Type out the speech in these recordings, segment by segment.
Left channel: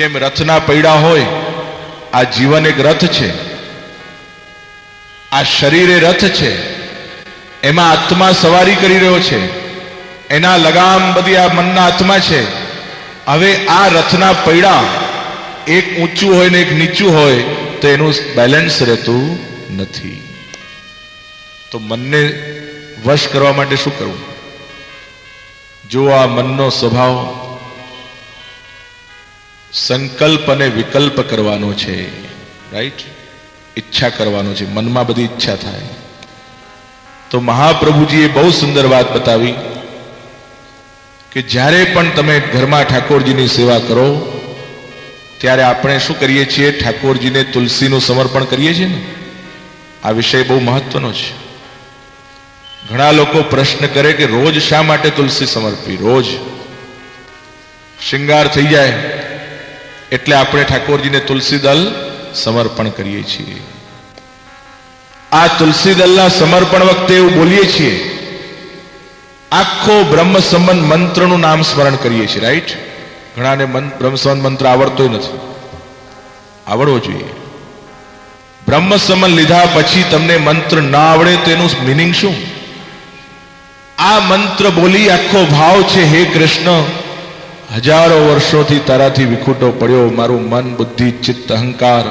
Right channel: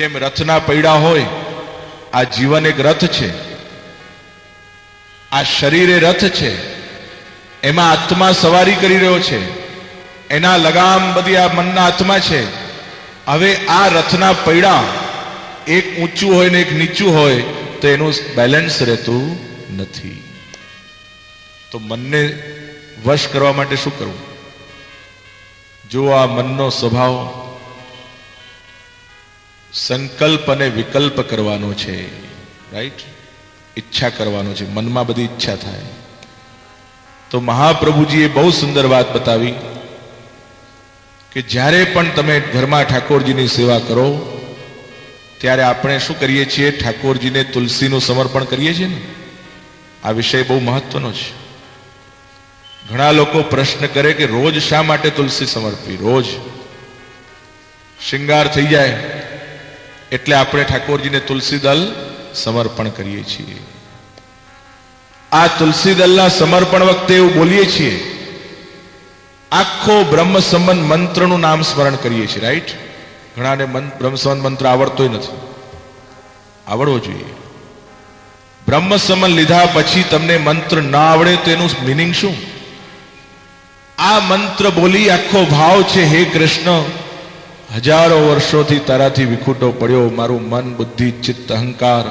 જેમ રથના પૈડા હોય, આ જીવન એક રથ છે, આ શરીર એ રથ છે, એમાં આત્મા સવારી કરી રહ્યો છે, એના લગામ બધી આ મનના હાથમાં છે. હવે આ રથના પૈડા એક ઊંચું હોય ને એક નીચું હોય તો એનું બેલેન્સ રહેતું નથી. તો મનને વશ કરવા માટે શું કરવું? જો આ મનનો સ્વભાવ સંકલ્પ અને વિકલ્પ કરવાનો છે, રાઈટ, ઈચ્છા કરવાનો છે, મનમાં બધી ઈચ્છા થાય. તો મહાપ્રભુજીએ બહુ સુંદર વાત બતાવી કે જ્યારે પણ તમે ઘરમાં ઠાકોરજીની સેવા કરો ત્યારે આપણે શું કરીએ છીએ? ઠાકોરજીને તુલસીનું સમર્પણ કરીએ છીએ ને. આ વિષય બહુ મહત્વનો છે. ઘણા લોકો પ્રશ્ન કરે કે રોજ શા માટે તુલસી સમર્પવી? રોજ શૃંગાર થઈ જાય એટલે આપણે ઠાકોરજીને તુલસી દલ સમર્પણ કરીએ છીએ. આ તુલસી દલના સમર્પણ વખતે એવું બોલીએ છીએ, આખો બ્રહ્મ સંબંધ મંત્રનું નામ સ્મરણ કરીએ છીએ, રાઈટ? ઘણાને બ્રહ્મ સંબંધ મંત્ર આવડતો નથી, આવડવો જોઈએ. બ્રહ્મ સંબંધ લીધા પછી તમને મંત્ર ના આવડે તેનું મિનિંગ શું? આ મંત્ર બોલી આખો ભાવ છે, હે કૃષ્ણ, હજારો વર્ષોથી તારાથી વિખૂટો પડ્યો મારું મન, બુદ્ધિ, ચિત્ત, અહંકાર,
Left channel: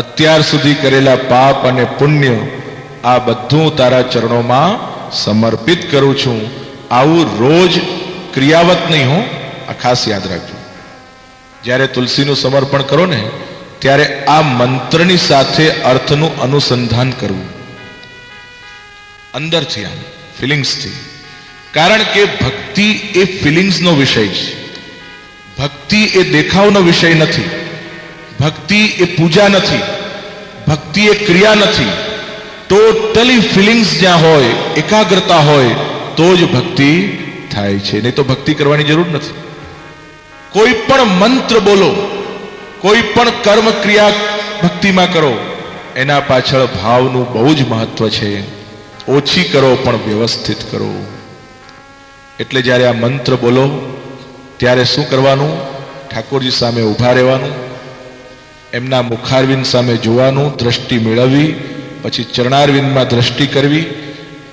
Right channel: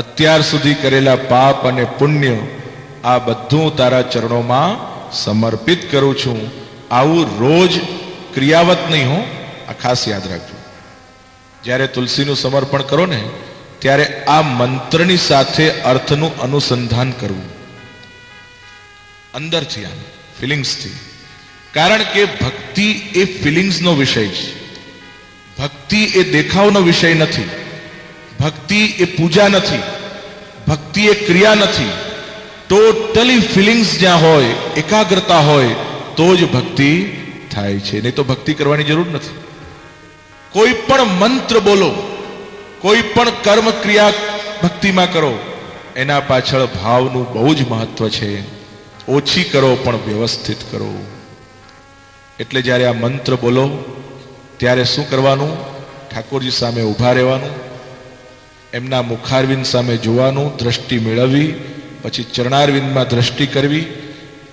અત્યાર સુધી કરેલા પાપ અને પુણ્ય, આ બધું તારા ચરણોમાં સમર્પિત કરું છું. આવું રોજ ક્રિયાવત નહીં હો, આ ખાસ યાદ રાખજો. જ્યારે તુલસીનું સમર્પણ કરો ને ત્યારે આ મંત્રની સાથે અર્થનું અનુસંધાન કરવું, અંદરથી, આમ ફિલિંગ્સથી. કારણ કે ભક્તિ એ ફિલિંગ્સનો વિષય છે. ભક્તિ એ દેખાવનો વિષય નથી. ભક્તિ એ પૂજા નથી. ભક્તિ એ ક્રિયા નથી. ટોટલી ફિલિંગ્સ જ્યાં હોય, એકાગ્રતા હોય તો જ ભક્તિ થાય છે. નહીં તો ભક્તિ કરવાની જરૂર નથી. કોઈ પણ મંત્ર બોલો, કોઈ પણ કર્મ ક્રિયા ભક્તિમાં કરો, એના પાછળ ભાવનું બહુ જ મહત્વ છે. ઓછી કરો પણ વ્યવસ્થિત કરો. એટલે જ્યારે આ મંત્ર બોલો ત્યારે શું કરવાનું? ઠાકોરજી સામે ઊભા રહેવાનું, એમના મુખારવિંદ સામે જોવાનું, દ્રષ્ટિ મેળવવી, પછી ચરણારવિંદમાં દ્રષ્ટિ કરવી,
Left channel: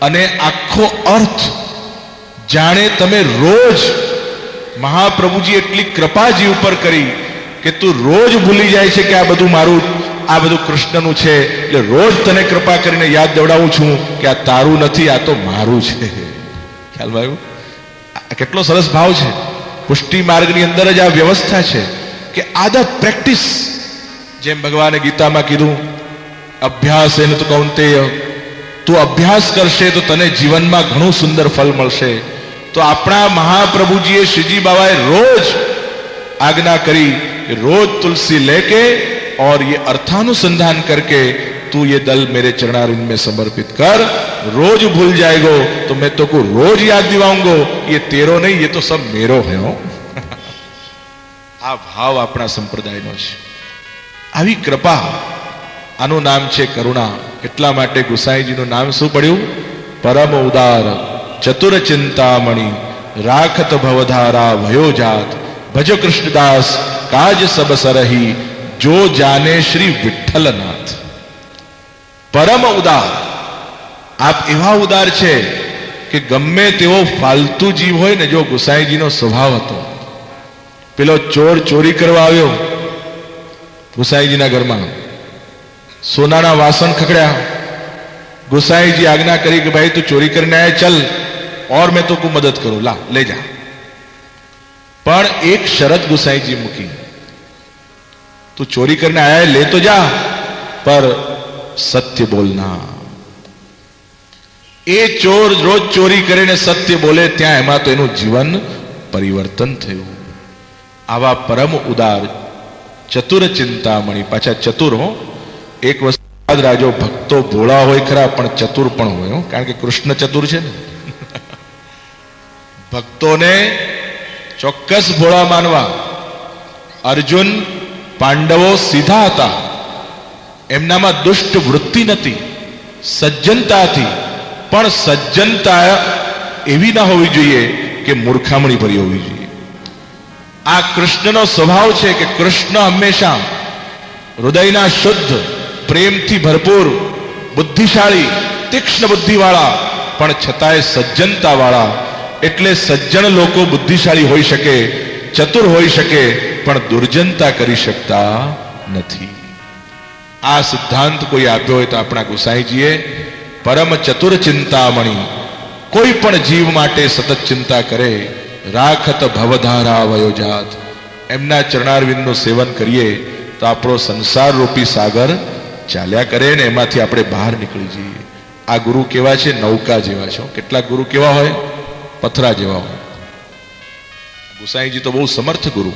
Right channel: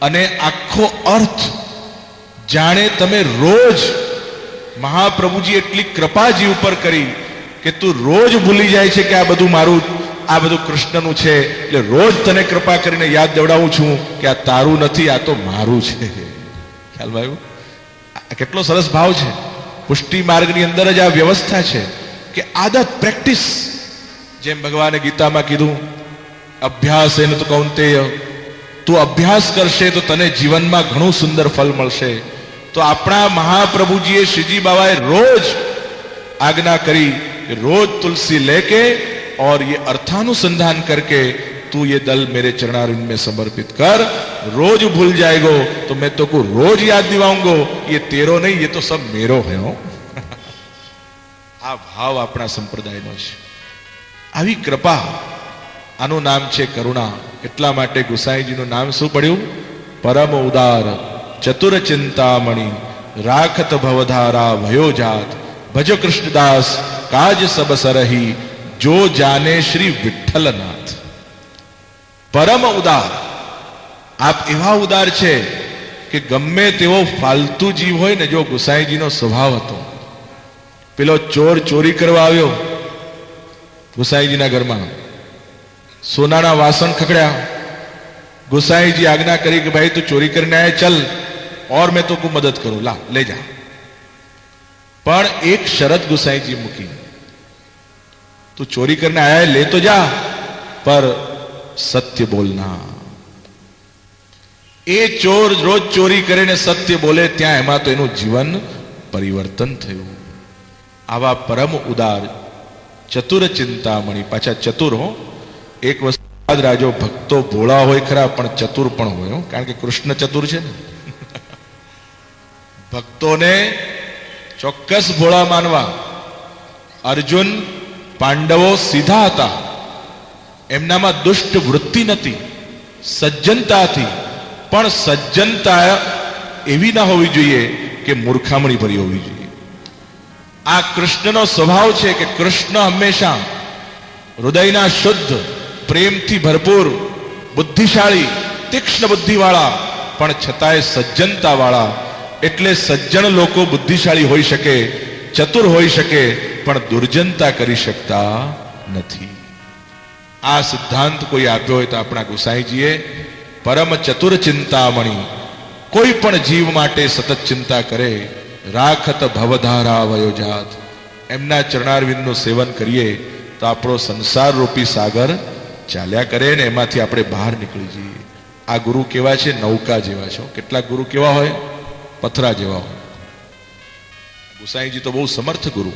અને આખો અર્થ જાણે તમે રોજ, મહાપ્રભુજી એટલી કૃપાજી ઉપર કરી કે તું રોજ ભૂલી જાય છે કે આ બધું મારું, આ બધું કૃષ્ણનું છે, એટલે રોજ તને કૃપા કરીને યાદ દેવડાવું છું કે આ તારું નથી, આ તો મારું છે. ખ્યાલ આવ્યો? કેટલો સરસ ભાવ છે. પુષ્ટિ માર્ગની અંદર જ આ વ્યવસ્થા છે કે આદત, પ્રેક્ટિસ. જેમ ભગવાને ગીતામાં કીધું, અભ્યાસ એને તો કૌંતેય, તું અભ્યાસ કરશે તો તને જીવનમાં ઘણું સુંદર ફલ મળશે. તો આપણા મહાપ્રભુજીએ, શ્રીજી બાબાએ રોજ આજ્ञा કરી, रोज तुलसी लेके और ये अर्थानुसंधान करके तू ये दल मेरे चरणारविंद में समर्पित कर. रोज भूल जाएगो तो मैं तो को रोज याद दिलाऊंगा, ये तेरो नहीं, ये तो सब मेरो है हो. આ ભાવ આપણા સંપ્રદાયનો છે. આવી કૃપા, આનું નામ છે કરુણા. એટલા માટે ગુસાઈજીનું નામ શું પડ્યું? પરમ ઉદાર ચતુર ચિંતામણી, રાખત ભવધારા ભયો જાત, ભજ કૃષ્ણદાસ કાજ સબ સરહી, જો જાને શ્રી વિઠ્ઠલનાથ. પરમ ઉદાર. આપ એવા ઉદાર છે કે ગમે તેવો ફાલતુ જીવ હોય ને, જો ગુસાઈજીનો સ્વભાવ હતો. પેલો ચોર ચોરી કરવા આવ્યો ગુસાઈજીના ઘરમાં, સોનાના વાસણ ખકડ્યા. ગુસાઈજી આજ્ઞા કરી કે ભાઈ તું ચોરી કરીને આયા, ચલ और मैं तुमको मदद करूं, ला ले जा. पर एक शरत गुसाईजी मूकी, तू चोरी करने आया है, ले तो जा, पर सत्य बोलना. એ ચોર રોજ ચોરી કરીને સત્ય બોલે, ત્યાં એમાં તો એનું જીવન પરિવર્તન થયું. આવા પરમ ઉદાર ચતુર ચિંતામણી. પાછા ચતુર હો. એક વસ્તુ યાદ રાખજો, ભક્તો ભોળા હોય ખરા પણ ચતુર પણ હોય, કારણ કે કૃષ્ણ ચતુર છે ને. ભક્તોને ચોક્કસ ભોળા માનવા. અર્જુન, પાંડવો સીધા હતા, એમનામાં દુષ્ટ વૃત્તિ નથી, સજ્જનતા હતી. પણ સજ્જનતા એવી ના હોવી જોઈએ કે મૂર્ખામણી ભરી હોવી જોઈએ. આ કૃષ્ણનો સ્વભાવ છે કે કૃષ્ણ હંમેશા હૃદયના શુદ્ધ, પ્રેમથી ભરપૂર, બુદ્ધિશાળી, તીક્ષ્ણ બુદ્ધિવાળા, પણ છતાંય સજ્જનતાવાળા. એટલે સજ્જન લોકો બુદ્ધિશાળી હોઈ શકે, ચતુર હોઈ શકે, પણ દુર્જનતા કરી શકતા નથી. આ સિદ્ધાંત કોઈ આપ્યો હોય તો આપણા ગુસાઈજીએ પરમ ચતુર ચિંતામણી, કોઈ પણ જીવ માટે સતત ચિંતા કરે, રાખત ભવધારા વયોજાત. એમના ચરણારવિંદનું સેવન કરીએ તો આપણો સંસાર રૂપી સાગર ચાલ્યા કરે ને એમાંથી આપણે બહાર નીકળી જઈએ. આ ગુરુ કેવા છે? નૌકા જેવા છે. કેટલાક ગુરુ કેવા હોય? પથરા જેવા હોય. ગુસાઈજી તો બહુ સમર્થ ગુરુ,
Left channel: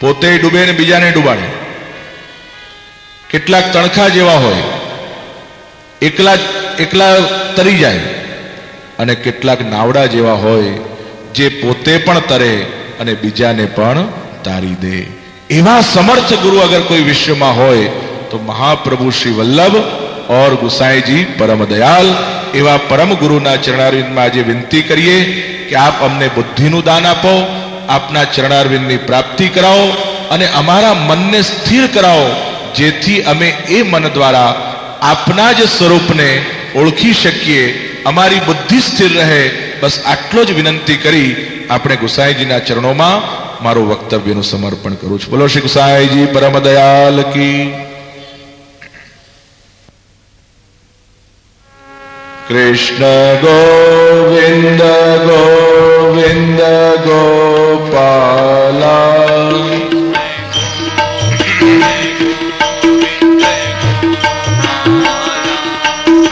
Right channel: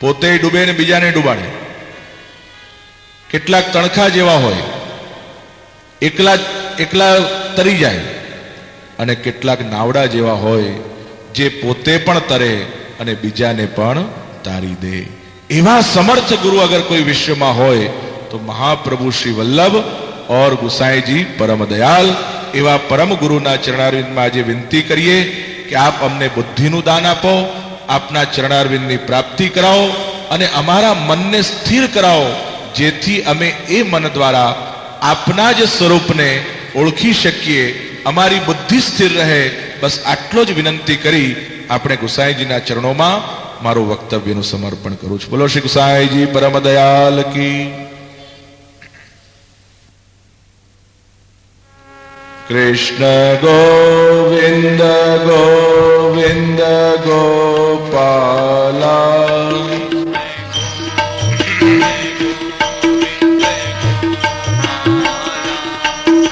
પોતે ડૂબે ને બીજાને ડૂબાડે. કેટલાક તણખા જેવા હોય, એકલા તરી જાય, અને કેટલાક નાવડા જેવા હોય જે પોતે પણ તરે અને બીજાને પણ તારી દે. એવા સમર્થ ગુરુ અગર કોઈ વિશ્વમાં હોય તો મહાપ્રભુ શ્રી વલ્લભ और ગુસાઈજી પરમ દયાલ. એવા પરમ ગુરુના ચરણારવિંદમાં આજે વિનંતી કરીએ કે આપ અમને બુદ્ધિનું દાન આપો, આપના ચરણારવિંદની પ્રાપ્તિ કરાવો અને અમારા મનને સ્થિર કરાવો, જેથી અમે એ મન દ્વારા આપના જ સ્વરૂપને ઓળખી શકીએ, અમારી બુદ્ધિ સ્થિર રહે. બસ આટલો જ વિનંતી કરી આપણે ગુસાઈજીના ચરણોમાં મારું વક્તવ્યનું સમર્પણ કરું છું. બોલો શ્રી ગુસાઈજી પરમ દયાલ કી. કૃષ્ણ ગોવિંદ ગોવિંદ ગોપાલા,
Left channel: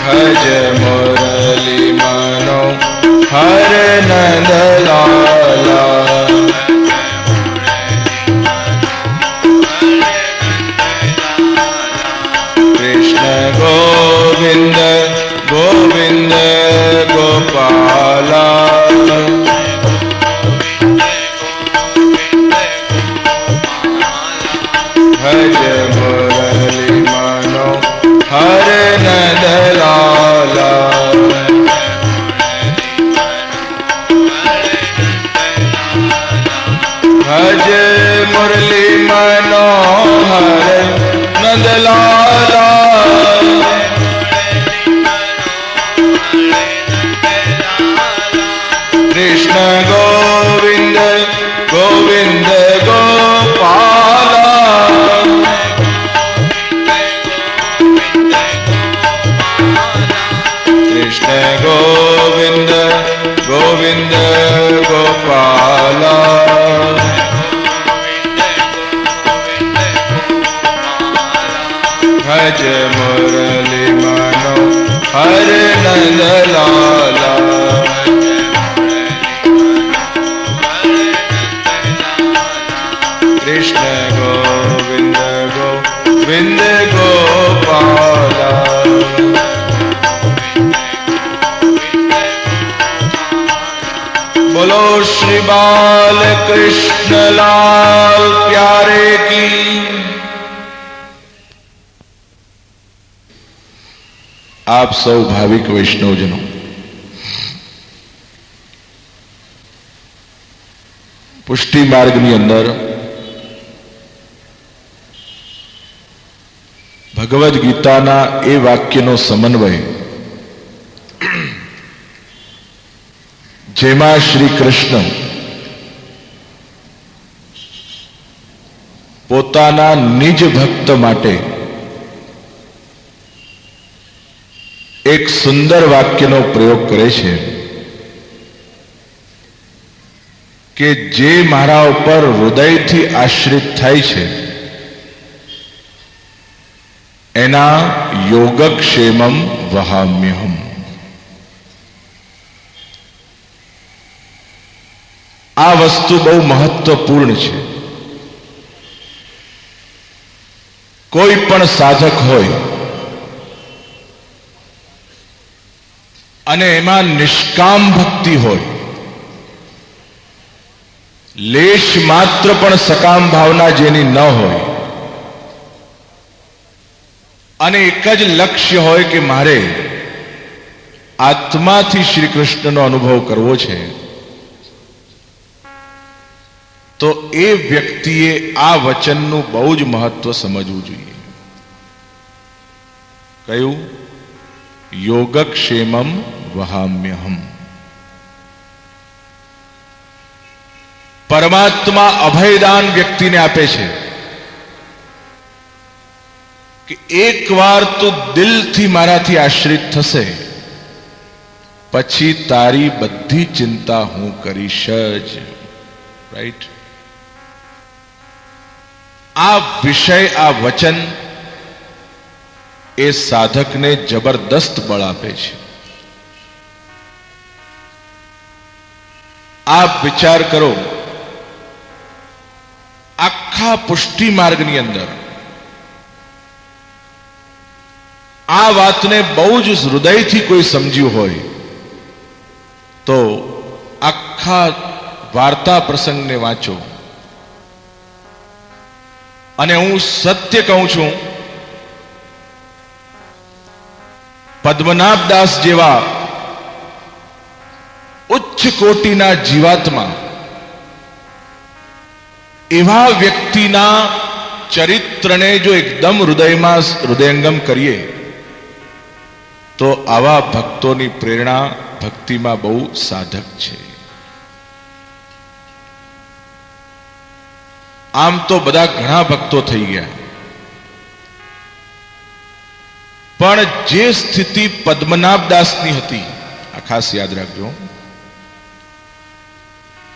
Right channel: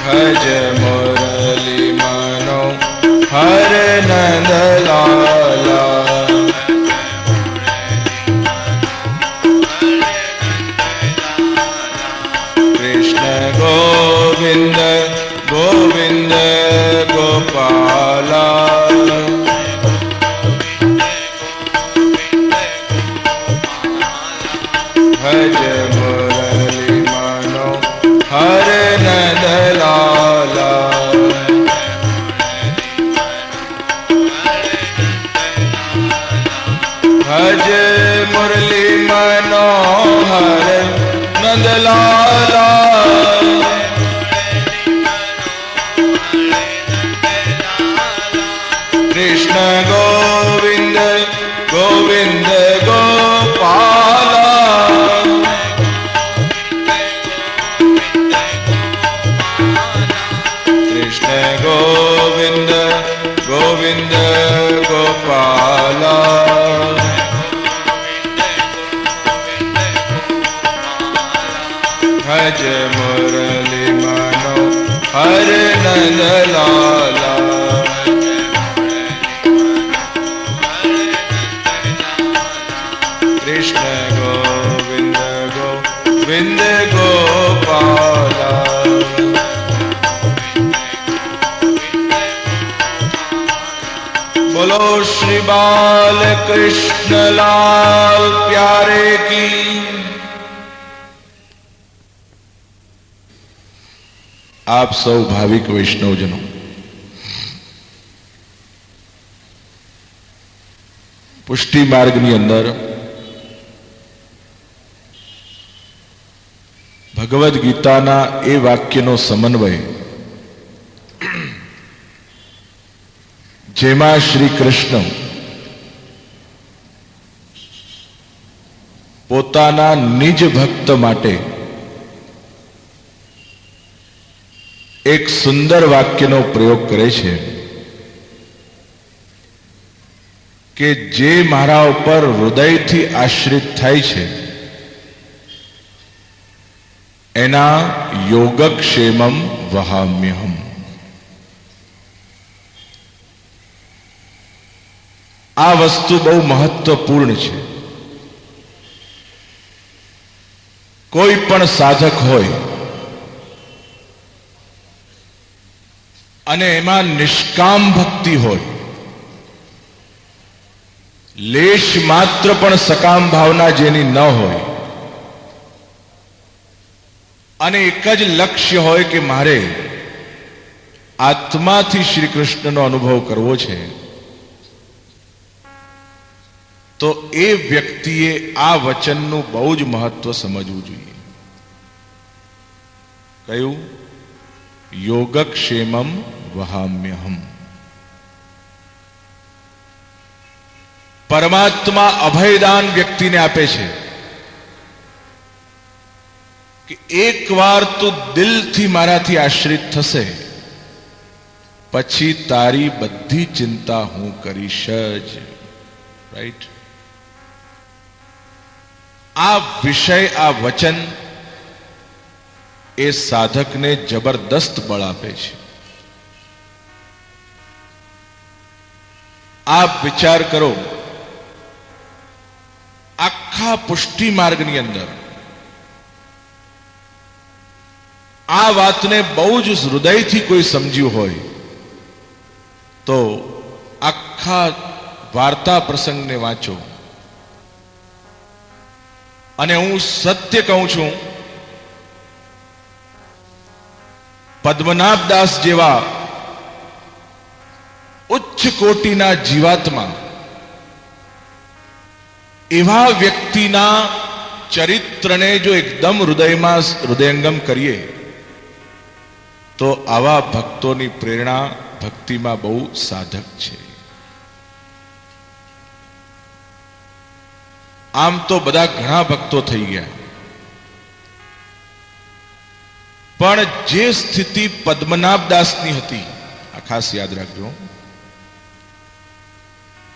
ભજ મુરલી મનો હર નંદલાલા. કૃષ્ણ ગોવિંદ ગોવિંદ ગોપાલા, ભજ મુરલી મનો હર નંદલાલા. ભજ મુરલી મનોહર નંદલાલા. કૃષ્ણ ગોવિંદ ગોવિંદ ગોપાલા, કૃષ્ણ ગોવિંદ ગોવિંદ ગોપાલા. ભજ મુરલી મનો હર નંદલાલા. કૃષ્ણ ગોવિંદ ગોવિંદ ગોપાલા. બોલો શ્રી બાલ કૃષ્ણલાલ પ્યારે કી. આપ સૌ ભાવિક વૈષ્ણવજનો, પુષ્ટિ માર્ગની અંદર ભગવદ્ ગીતાના એ વાક્યનો સમન્વય જેમાં શ્રી કૃષ્ણ પોતાના નિજ ભક્ત માટે એક સુંદર વાક્યનો પ્રયોગ કરે છે કે જે મારા ઉપર હૃદયથી આશ્રિત થાય છે એના યોગક્ષેમમ વહામ્યહમ. આ વસ્તુ બહુ મહત્વપૂર્ણ છે. કોઈ પણ સાધક હોય અને એમાં નિષ્કામ ભક્તિ હોય, લેશ માત્ર પણ સકામ ભાવના જેની ન હોય, અને એક જ લક્ષ્ય હોય કે મારે આત્માથી શ્રી કૃષ્ણનો અનુભવ કરવો છે, તો એ વ્યક્તિએ આ વચનનું બહુ જ મહત્વ સમજવું જોઈએ. કયું? યોગક્ષેમમ વહામ્યહમ. પરમાત્મા અભયદાન વ્યક્તિને આપે છે કે એકવાર તું દિલથી મારાથી આશ્રિત થશે પછી તારી બધી ચિંતા હું કરીશ જ. રાઈટ? આ વિષય, આ વચન એ સાધકને જબરદસ્ત બળ આપે છે. આપ વિચાર કરો, આખા પુષ્ટિ માર્ગની અંદર આ વાતને બહુ જ હૃદયથી કોઈ સમજ્યું હોય તો આખા વાર્તા પ્રસંગને વાંચો. અને હું સત્ય કહું છું, પદ્મનાભદાસ જેવા ઉચ્ચ કોટીના જીવાત્મા એવા વ્યક્તિના ચરિત્રને જો એકદમ હૃદયમાં હૃદયંગમ કરીએ તો આવા ભક્તોની પ્રેરણા ભક્તિમાં બહુ સાધક છે. આમ તો બધા ઘણા ભક્તો થઈ ગયા, પણ જે સ્થિતિ પદ્મનાભદાસની હતી, આ ખાસ યાદ રાખજો.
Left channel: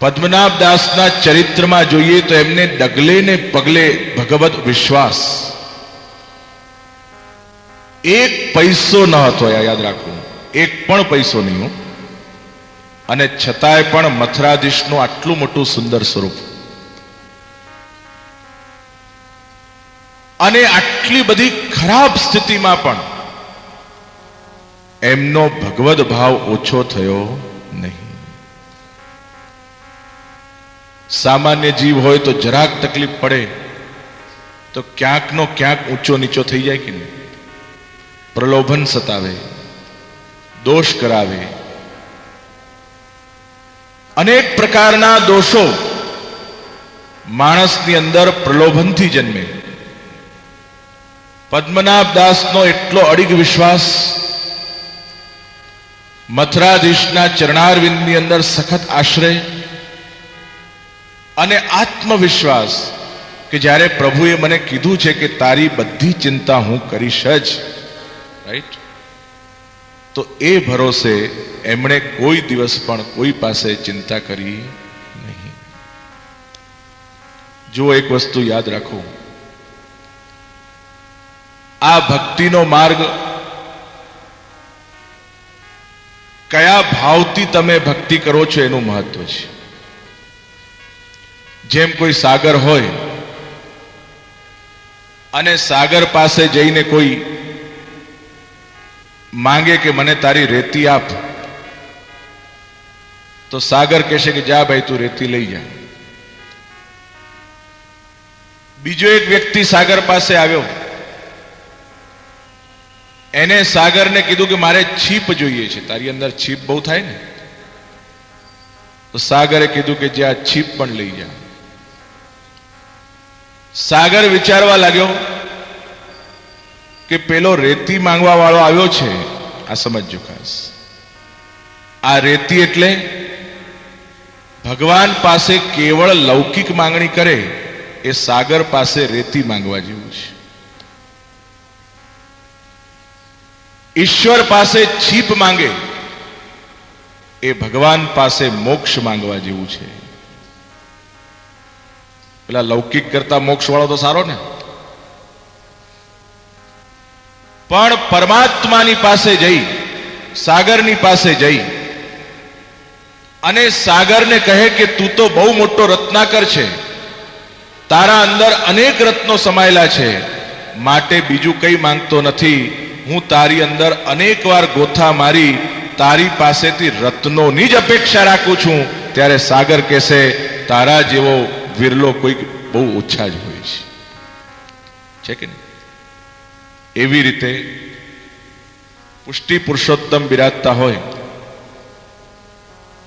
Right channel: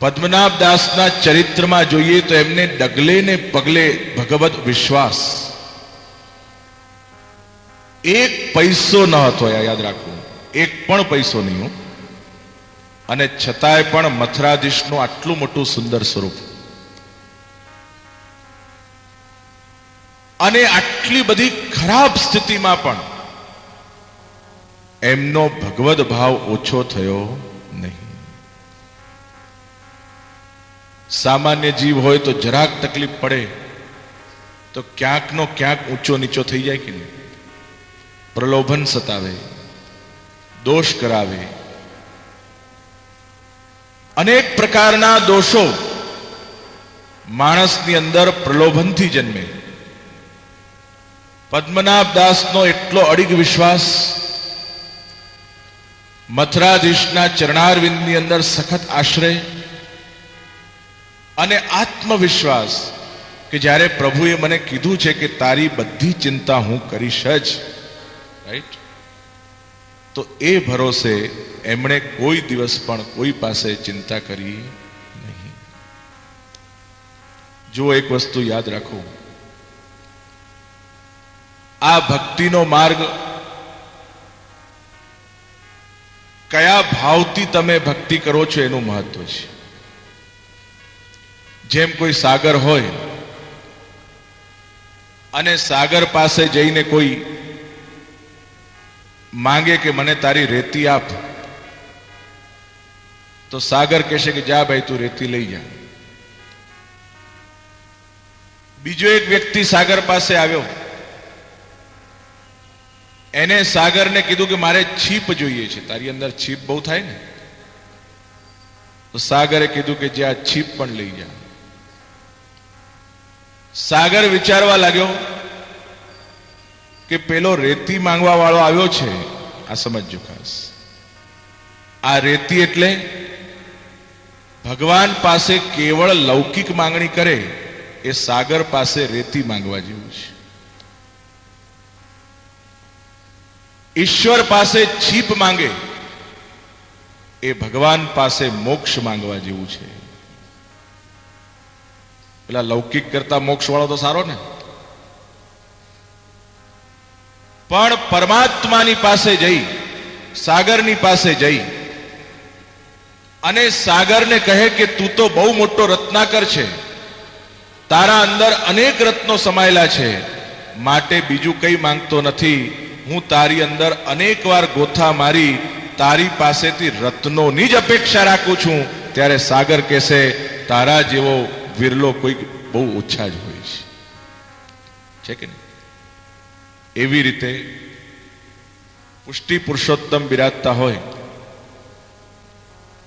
પદ્મનાભદાસના ચરિત્રમાં જોઈએ તો એમને ડગલે ને પગલે ભગવત વિશ્વાસ, એક પૈસો ન હતો, યાદ રાખવું, એક પણ પૈસો નહીં. અને છતાંય પણ મથરાધીશનું આટલું મોટું સુંદર સ્વરૂપ અને આટલી બધી ખરાબ સ્થિતિમાં પણ એમનો ભગવદ ભાવ ઓછો થયો નહીં. સામાન્ય જીવ હોય તો જરાક તકલીફ પડે તો ક્યાંકનો ક્યાંક ઊંચો નીચો થઈ જાય કે નહીં? પ્રલોભન સતાવે, દોષ કરાવે, અનેક પ્રકારના દોષો માણસની અંદર પ્રલોભનથી જન્મે. પદ્મનાભદાસનો એટલો અડીગ વિશ્વાસ, મથરાધીશના ચરણારવિંદની અંદર સખત આશ્રય અને આત્મવિશ્વાસ કે જ્યારે પ્રભુએ મને કીધું છે કે તારી બધી ચિંતા હું કરીશ જ, રાઈટ? તો એ ભરોસે એમણે કોઈ દિવસ પણ કોઈ પાસે ચિંતા કરી નહીં. જો એક વસ્તુ યાદ રાખો, આ ભક્તિનો માર્ગ કયા ભાવથી તમે ભક્તિ કરો છો એનું મહત્વ છે. જેમ કોઈ સાગર હોય અને સાગર પાસે જઈને કોઈ માંગે કે મને તારી રેતી આપ, તો સાગર કહેશે કે જા ભાઈ તું રેતી લઈ જા. બીજો એક વ્યક્તિ સાગર પાસે આવ્યો, એને સાગરને કીધું કે મારે છીપ જોઈએ છે, તારી અંદર છીપ બહુ થાય ને? તો સાગરે કીધું કે જે આ છીપ પણ લઈ જા. સાગર વિચારવા લાગ્યો કે પેલો રેતી માંગવા વાળો આવ્યો છે, આ સમજજો ખાસ. આ રેતી એટલે ભગવાન પાસે કેવળ લૌકિક માંગણી કરે એ સાગર પાસે રેતી માંગવા જેવું છે. ઈશ્વર પાસે છીપ માંગે એ ભગવાન પાસે મોક્ષ માંગવા જેવું છે. પેલા લૌકિક કરતા મોક્ષ વાળો તો સારો ને? પણ પરમાત્માની પાસે જઈ, સાગરની પાસે જઈ અને સાગરને કહે કે તું તો બહુ મોટો રત્નાકર છે, તારા અંદર અનેક રત્નો સમાયેલા છે, માટે બીજું કંઈ માંગતો નથી, હું તારી અંદર અનેક વાર ગોથા મારી તારી પાસેથી રત્નોની જ અપેક્ષા રાખું છું. ત્યારે સાગર કહેશે તારા જેવો વિરલો કોઈ બહુ ઓછા જ હોય છે કે નહીં? એવી રીતે પુષ્ટિ પુરુષોત્તમ બિરાજતા હોય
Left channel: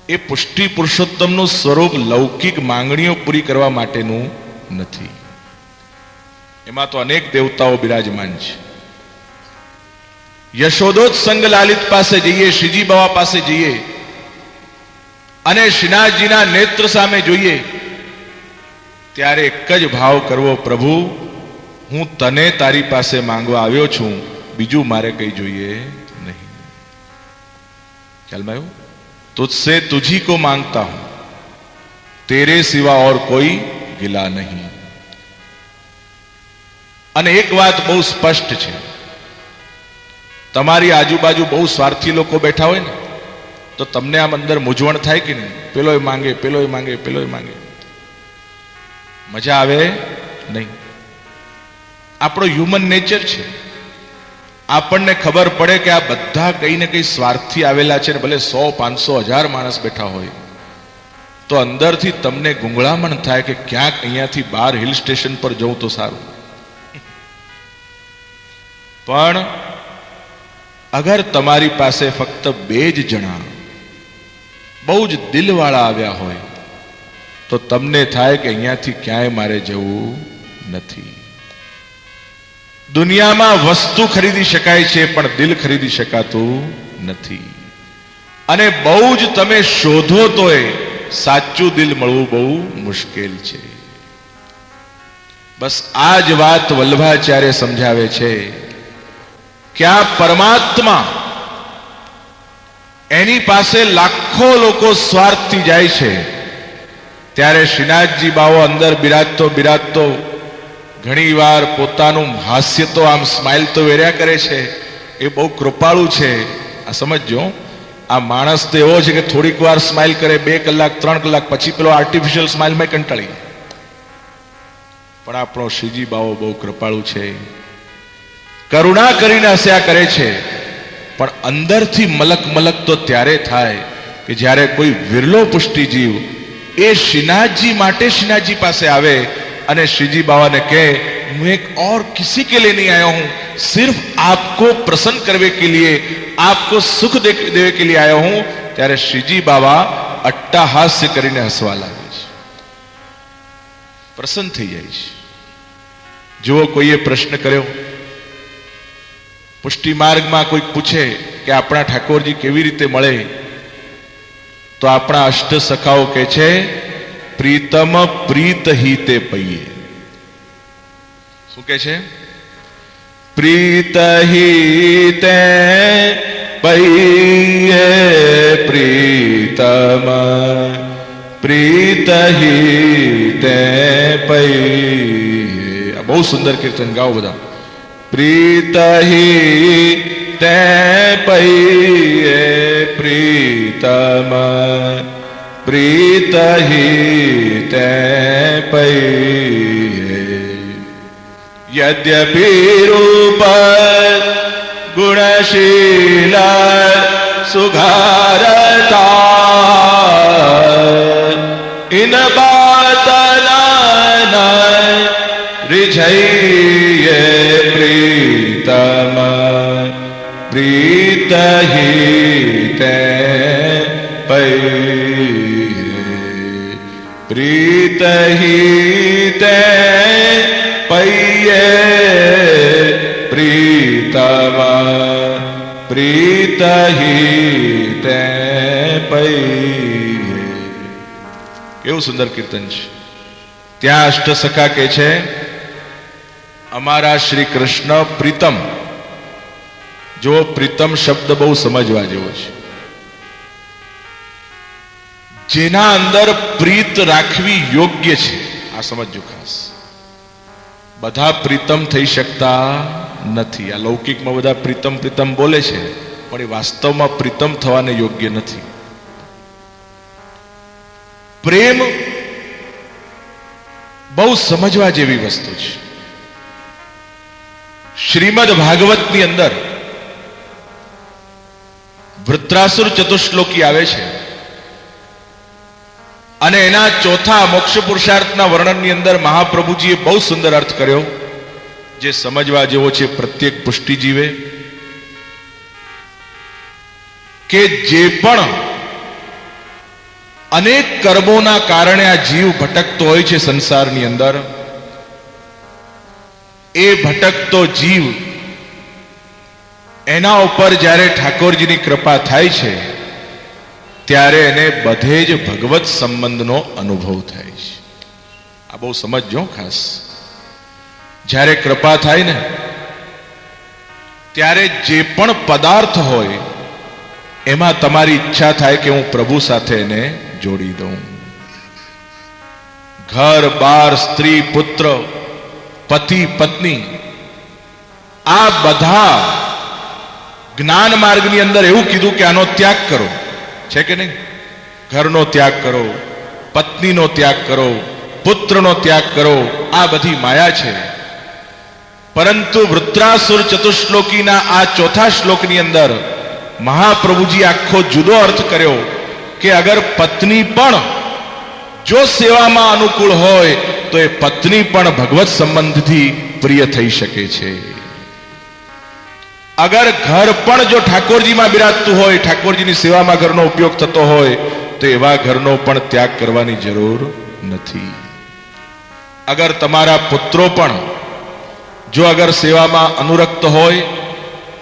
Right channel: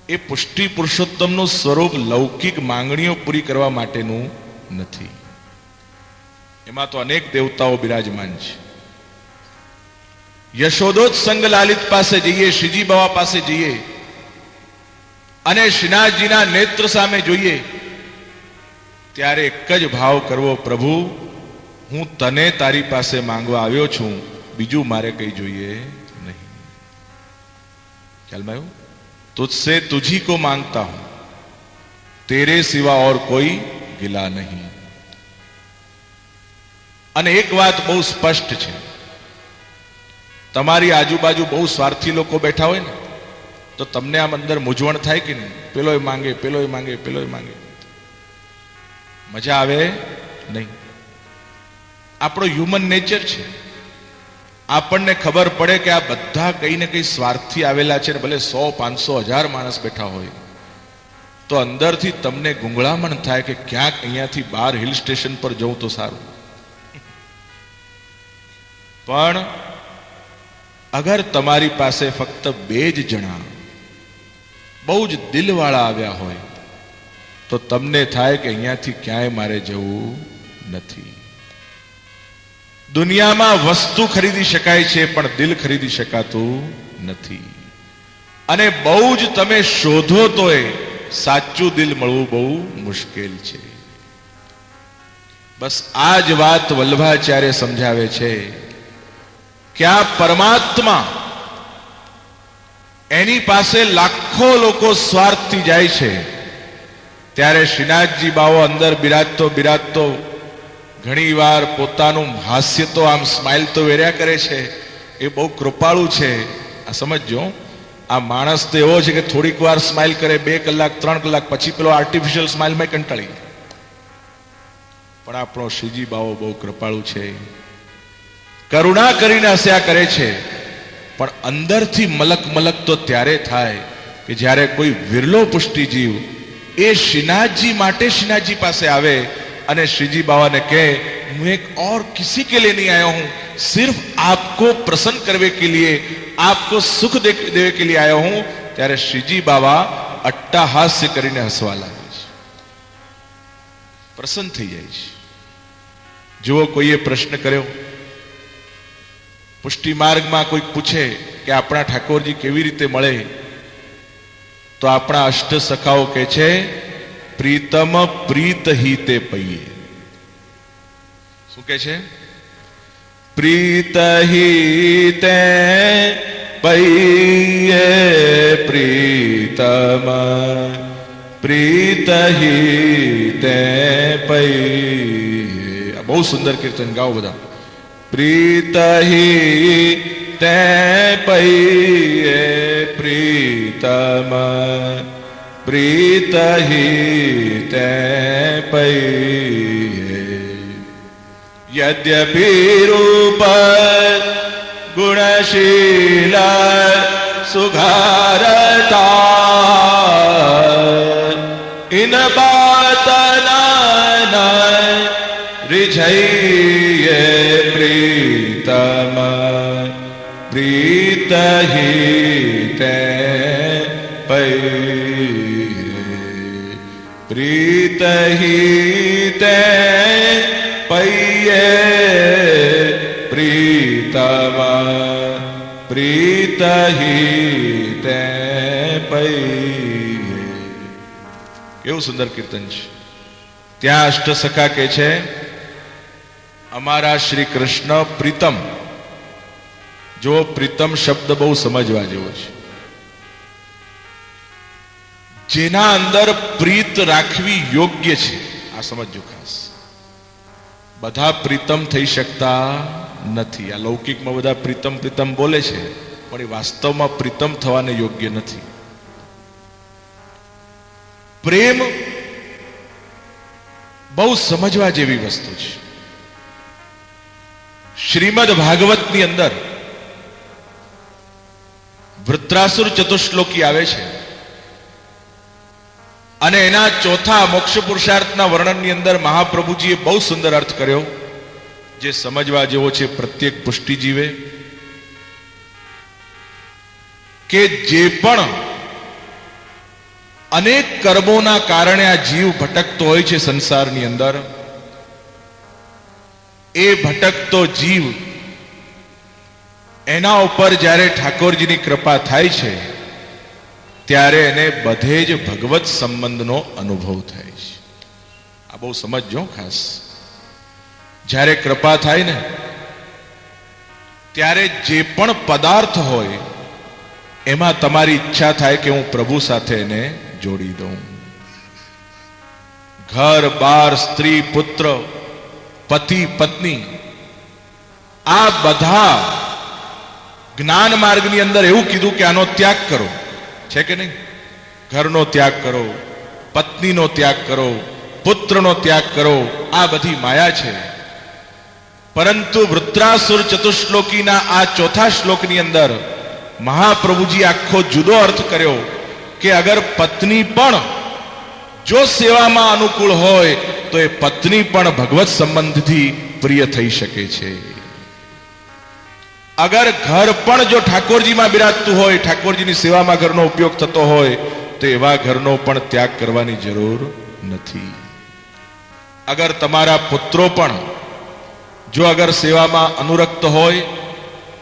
એ પુષ્ટિ પુરુષોત્તમનું સ્વરૂપ લૌકિક માંગણીઓ પૂરી કરવા માટેનું નથી. એમાં તો અનેક દેવતાઓ બિરાજમાન છે. યશોદોત્સંગ લાલિત પાસે જઈએ, શ્રીજી બાવા પાસે જઈએ અને શ્રીનાથજીના નેત્ર સામે જોઈએ ત્યારે એક જ ભાવ કરવો, પ્રભુ હું તને તારી પાસે માંગવા આવ્યો છું, બીજું મારે કઈ જોઈએ નહીં. ખ્યાલમાં આવ્યું? तुझसे तुझी को मांगता हूं, तेरे सिवा और कोई गिला नहीं. અને એક વાત બહુ સ્પષ્ટ છે, તમારી આજુબાજુ બહુ સ્વાર્થી લોકો બેઠા હોય ને તો તમને આમ અંદર મૂંઝવણ થાય કે નહીં? પેલોય માંગે, પેલોય માંગે, પેલોય માંગે, મજા આવે નહીં. આપણો હ્યુમન નેચર છે. આપણને ખબર પડે કે આ બધા કઈ ને કઈ સ્વાર્થી આવેલા છે ને ભલે 100, 500, 1000 માણસ બેઠા હોય તો અંદરથી તમને ગુંગળામણ થાય કે ક્યાંક અહીંયાથી બહાર હિલ સ્ટેશન પર જવું તો સારું. પણ અગર તમારી પાસે ફક્ત 2 જ જણા બહુ જ દિલવાળા આવ્યા હોય તો તમને થાય કે અહીંયાથી ક્યાંય મારે જવું નથી. દુનિયામાં વસ્તુ ખરીદી શકાય છે પણ દિલ ખરીદી શકાતું નથી. અને બહુ જ તમે શોધો તોય સાચું દિલ મળવું બહુ મુશ્કેલ છે. બસ આ જ વાત વલ્લભાચાર્ય સમજાવે છે કે આ પરમાત્મા એની પાસે લાખો લોકો સ્વાર્થથી જાય છે ત્યારે શ્રીનાથજી બાવો અંદર બિરાજતો ઘણી વાર પોતાનું હાસ્ય તો આમ સ્માઇલ તો વેર્યા કરે છે. એ બહુ કૃપાળુ છે. આ સમજો, આ માણસ તો એવો છે કે થોડીક વાર સ્માઇલ કરે, 2 કલાક 3 કલાક પછી પેલો આર્ટિફિશિયલ સ્માઇલમાં કંટાળી. પણ આપણો શ્રીજી બાવો બહુ કૃપાળુ છે, કરુણા કરીને હસ્યા કરે છે. પણ અંદરથી મલક તો ત્યારે થાય કે જ્યારે કોઈ વિરલો પુષ્ટિ જીવ એ શ્રીનાથજી માટે શ્રીનાથજી પાસે આવે અને श्रीजी बाबा ने कहे मैं एक और किसी के लिए नहीं आया हूं, सिर्फ आपको प्रसन्न करने के लिए, आपको सुख देने के लिए आया हूं. ત્યારે શ્રીજી બાબા અટ્ટાહાસ્ય કરીને હસવા લાગે છે, પ્રસન્ન થઈ જાય છે. જો કોઈએ પ્રશ્ન કર્યો, પુષ્ટિ માર્ગમાં કોઈક પૂછે કે આપણા ઠાકોરજી કેવી રીતે મળે તો આપણા અષ્ટ સખાઓ કહે છે પ્રીતમ પ્રીત હિતે પૈયે. શું કે છે? પ્રીત હિતે પૈયે પ્રીતમ પ્રીત હિતે પૈયે. બહુ સુંદર કીર્તન ગાઓ બધા. પ્રીત હિતે પૈયે પ્રીતમ प्रीत हिते पैये. यद्यपि रूप गुणशील सुघारता इन बात रिझइये प्रीतम प्रीत हिते पैये. प्रीत हिते पैये प्रीतम प्रीत हिते पैये. કેવું સુંદર કીર્તન છે. ત્યાં અષ્ટ સખા કે છે અમારા શ્રી કૃષ્ણ પ્રીતમ. જો પ્રીતમ શબ્દ બહુ સમજવા જેવો છે. જેના અંદર પ્રીત રાખવી યોગ્ય છે. આ સમજો ખાસ. બધા પ્રીતમ થઈ શકતા નથી. આ લૌકિકમાં બધા પ્રીતમ પ્રીતમ બોલે છે પણ એ વાસ્તવમાં પ્રીતમ થવાને યોગ્ય નથી. પ્રેમ બહુ સમજવા જેવી વસ્તુ છે. શ્રીમદ ભાગવતની અંદર વૃત્રાસુર ચતુશ્લોકી આવે છે અને એના ચોથા મોક્ષ પુરુષાર્થના વર્ણનની અંદર મહાપ્રભુજીએ બહુ સુંદર અર્થ કર્યો જે સમજવા જેવો છે પ્રત્યેક પુષ્ટિ જીવે. કે જે પણ અનેક કર્મોના કારણે આ જીવ ભટકતો હોય છે સંસારની અંદર. એ ભટકતો જીવ એના ઉપર જ્યારે ઠાકોરજીની કૃપા થાય છે ત્યારે એને બધે જ ભગવત સંબંધનો અનુભવ થાય છે. આ બહુ સમજજો ખાસ. જ્યારે કૃપા થાય ને ત્યારે જે પણ પદાર્થ હોય એમાં તમારી ઈચ્છા થાય કે હું પ્રભુ સાથે એને જોડી દઉં. ઘર બાર, સ્ત્રી પુત્ર, પતિ પત્ની, આ બધા જ્ઞાન માર્ગની અંદર એવું કીધું કે આનો ત્યાગ કરો, છે કે નહીં? ઘરનો ત્યાગ કરો, પત્નીનો ત્યાગ કરો, પુત્રનો ત્યાગ કરો, આ બધી માયા છે. પરંતુ વૃત્રાસુર ચતુશ્લોકીના આ ચોથા શ્લોકની અંદર મહાપ્રભુજી આખો જુદો અર્થ કર્યો કે અગર પત્ની પણ જો સેવામાં અનુકૂળ હોય તો એ પત્ની પણ ભગવત સંબંધથી પ્રિય થઈ શકે છે. અગર ઘર પણ જો ઠાકોરજીમાં બિરાજતું હોય, ઠાકોરજીની સેવામાં ઘરનો ઉપયોગ થતો હોય તો એવા ઘરનો પણ ત્યાગ કરવાની જરૂર નથી. અગર તમારા પુત્રો પણ જો અગર સેવામાં અનુરક્ત હોય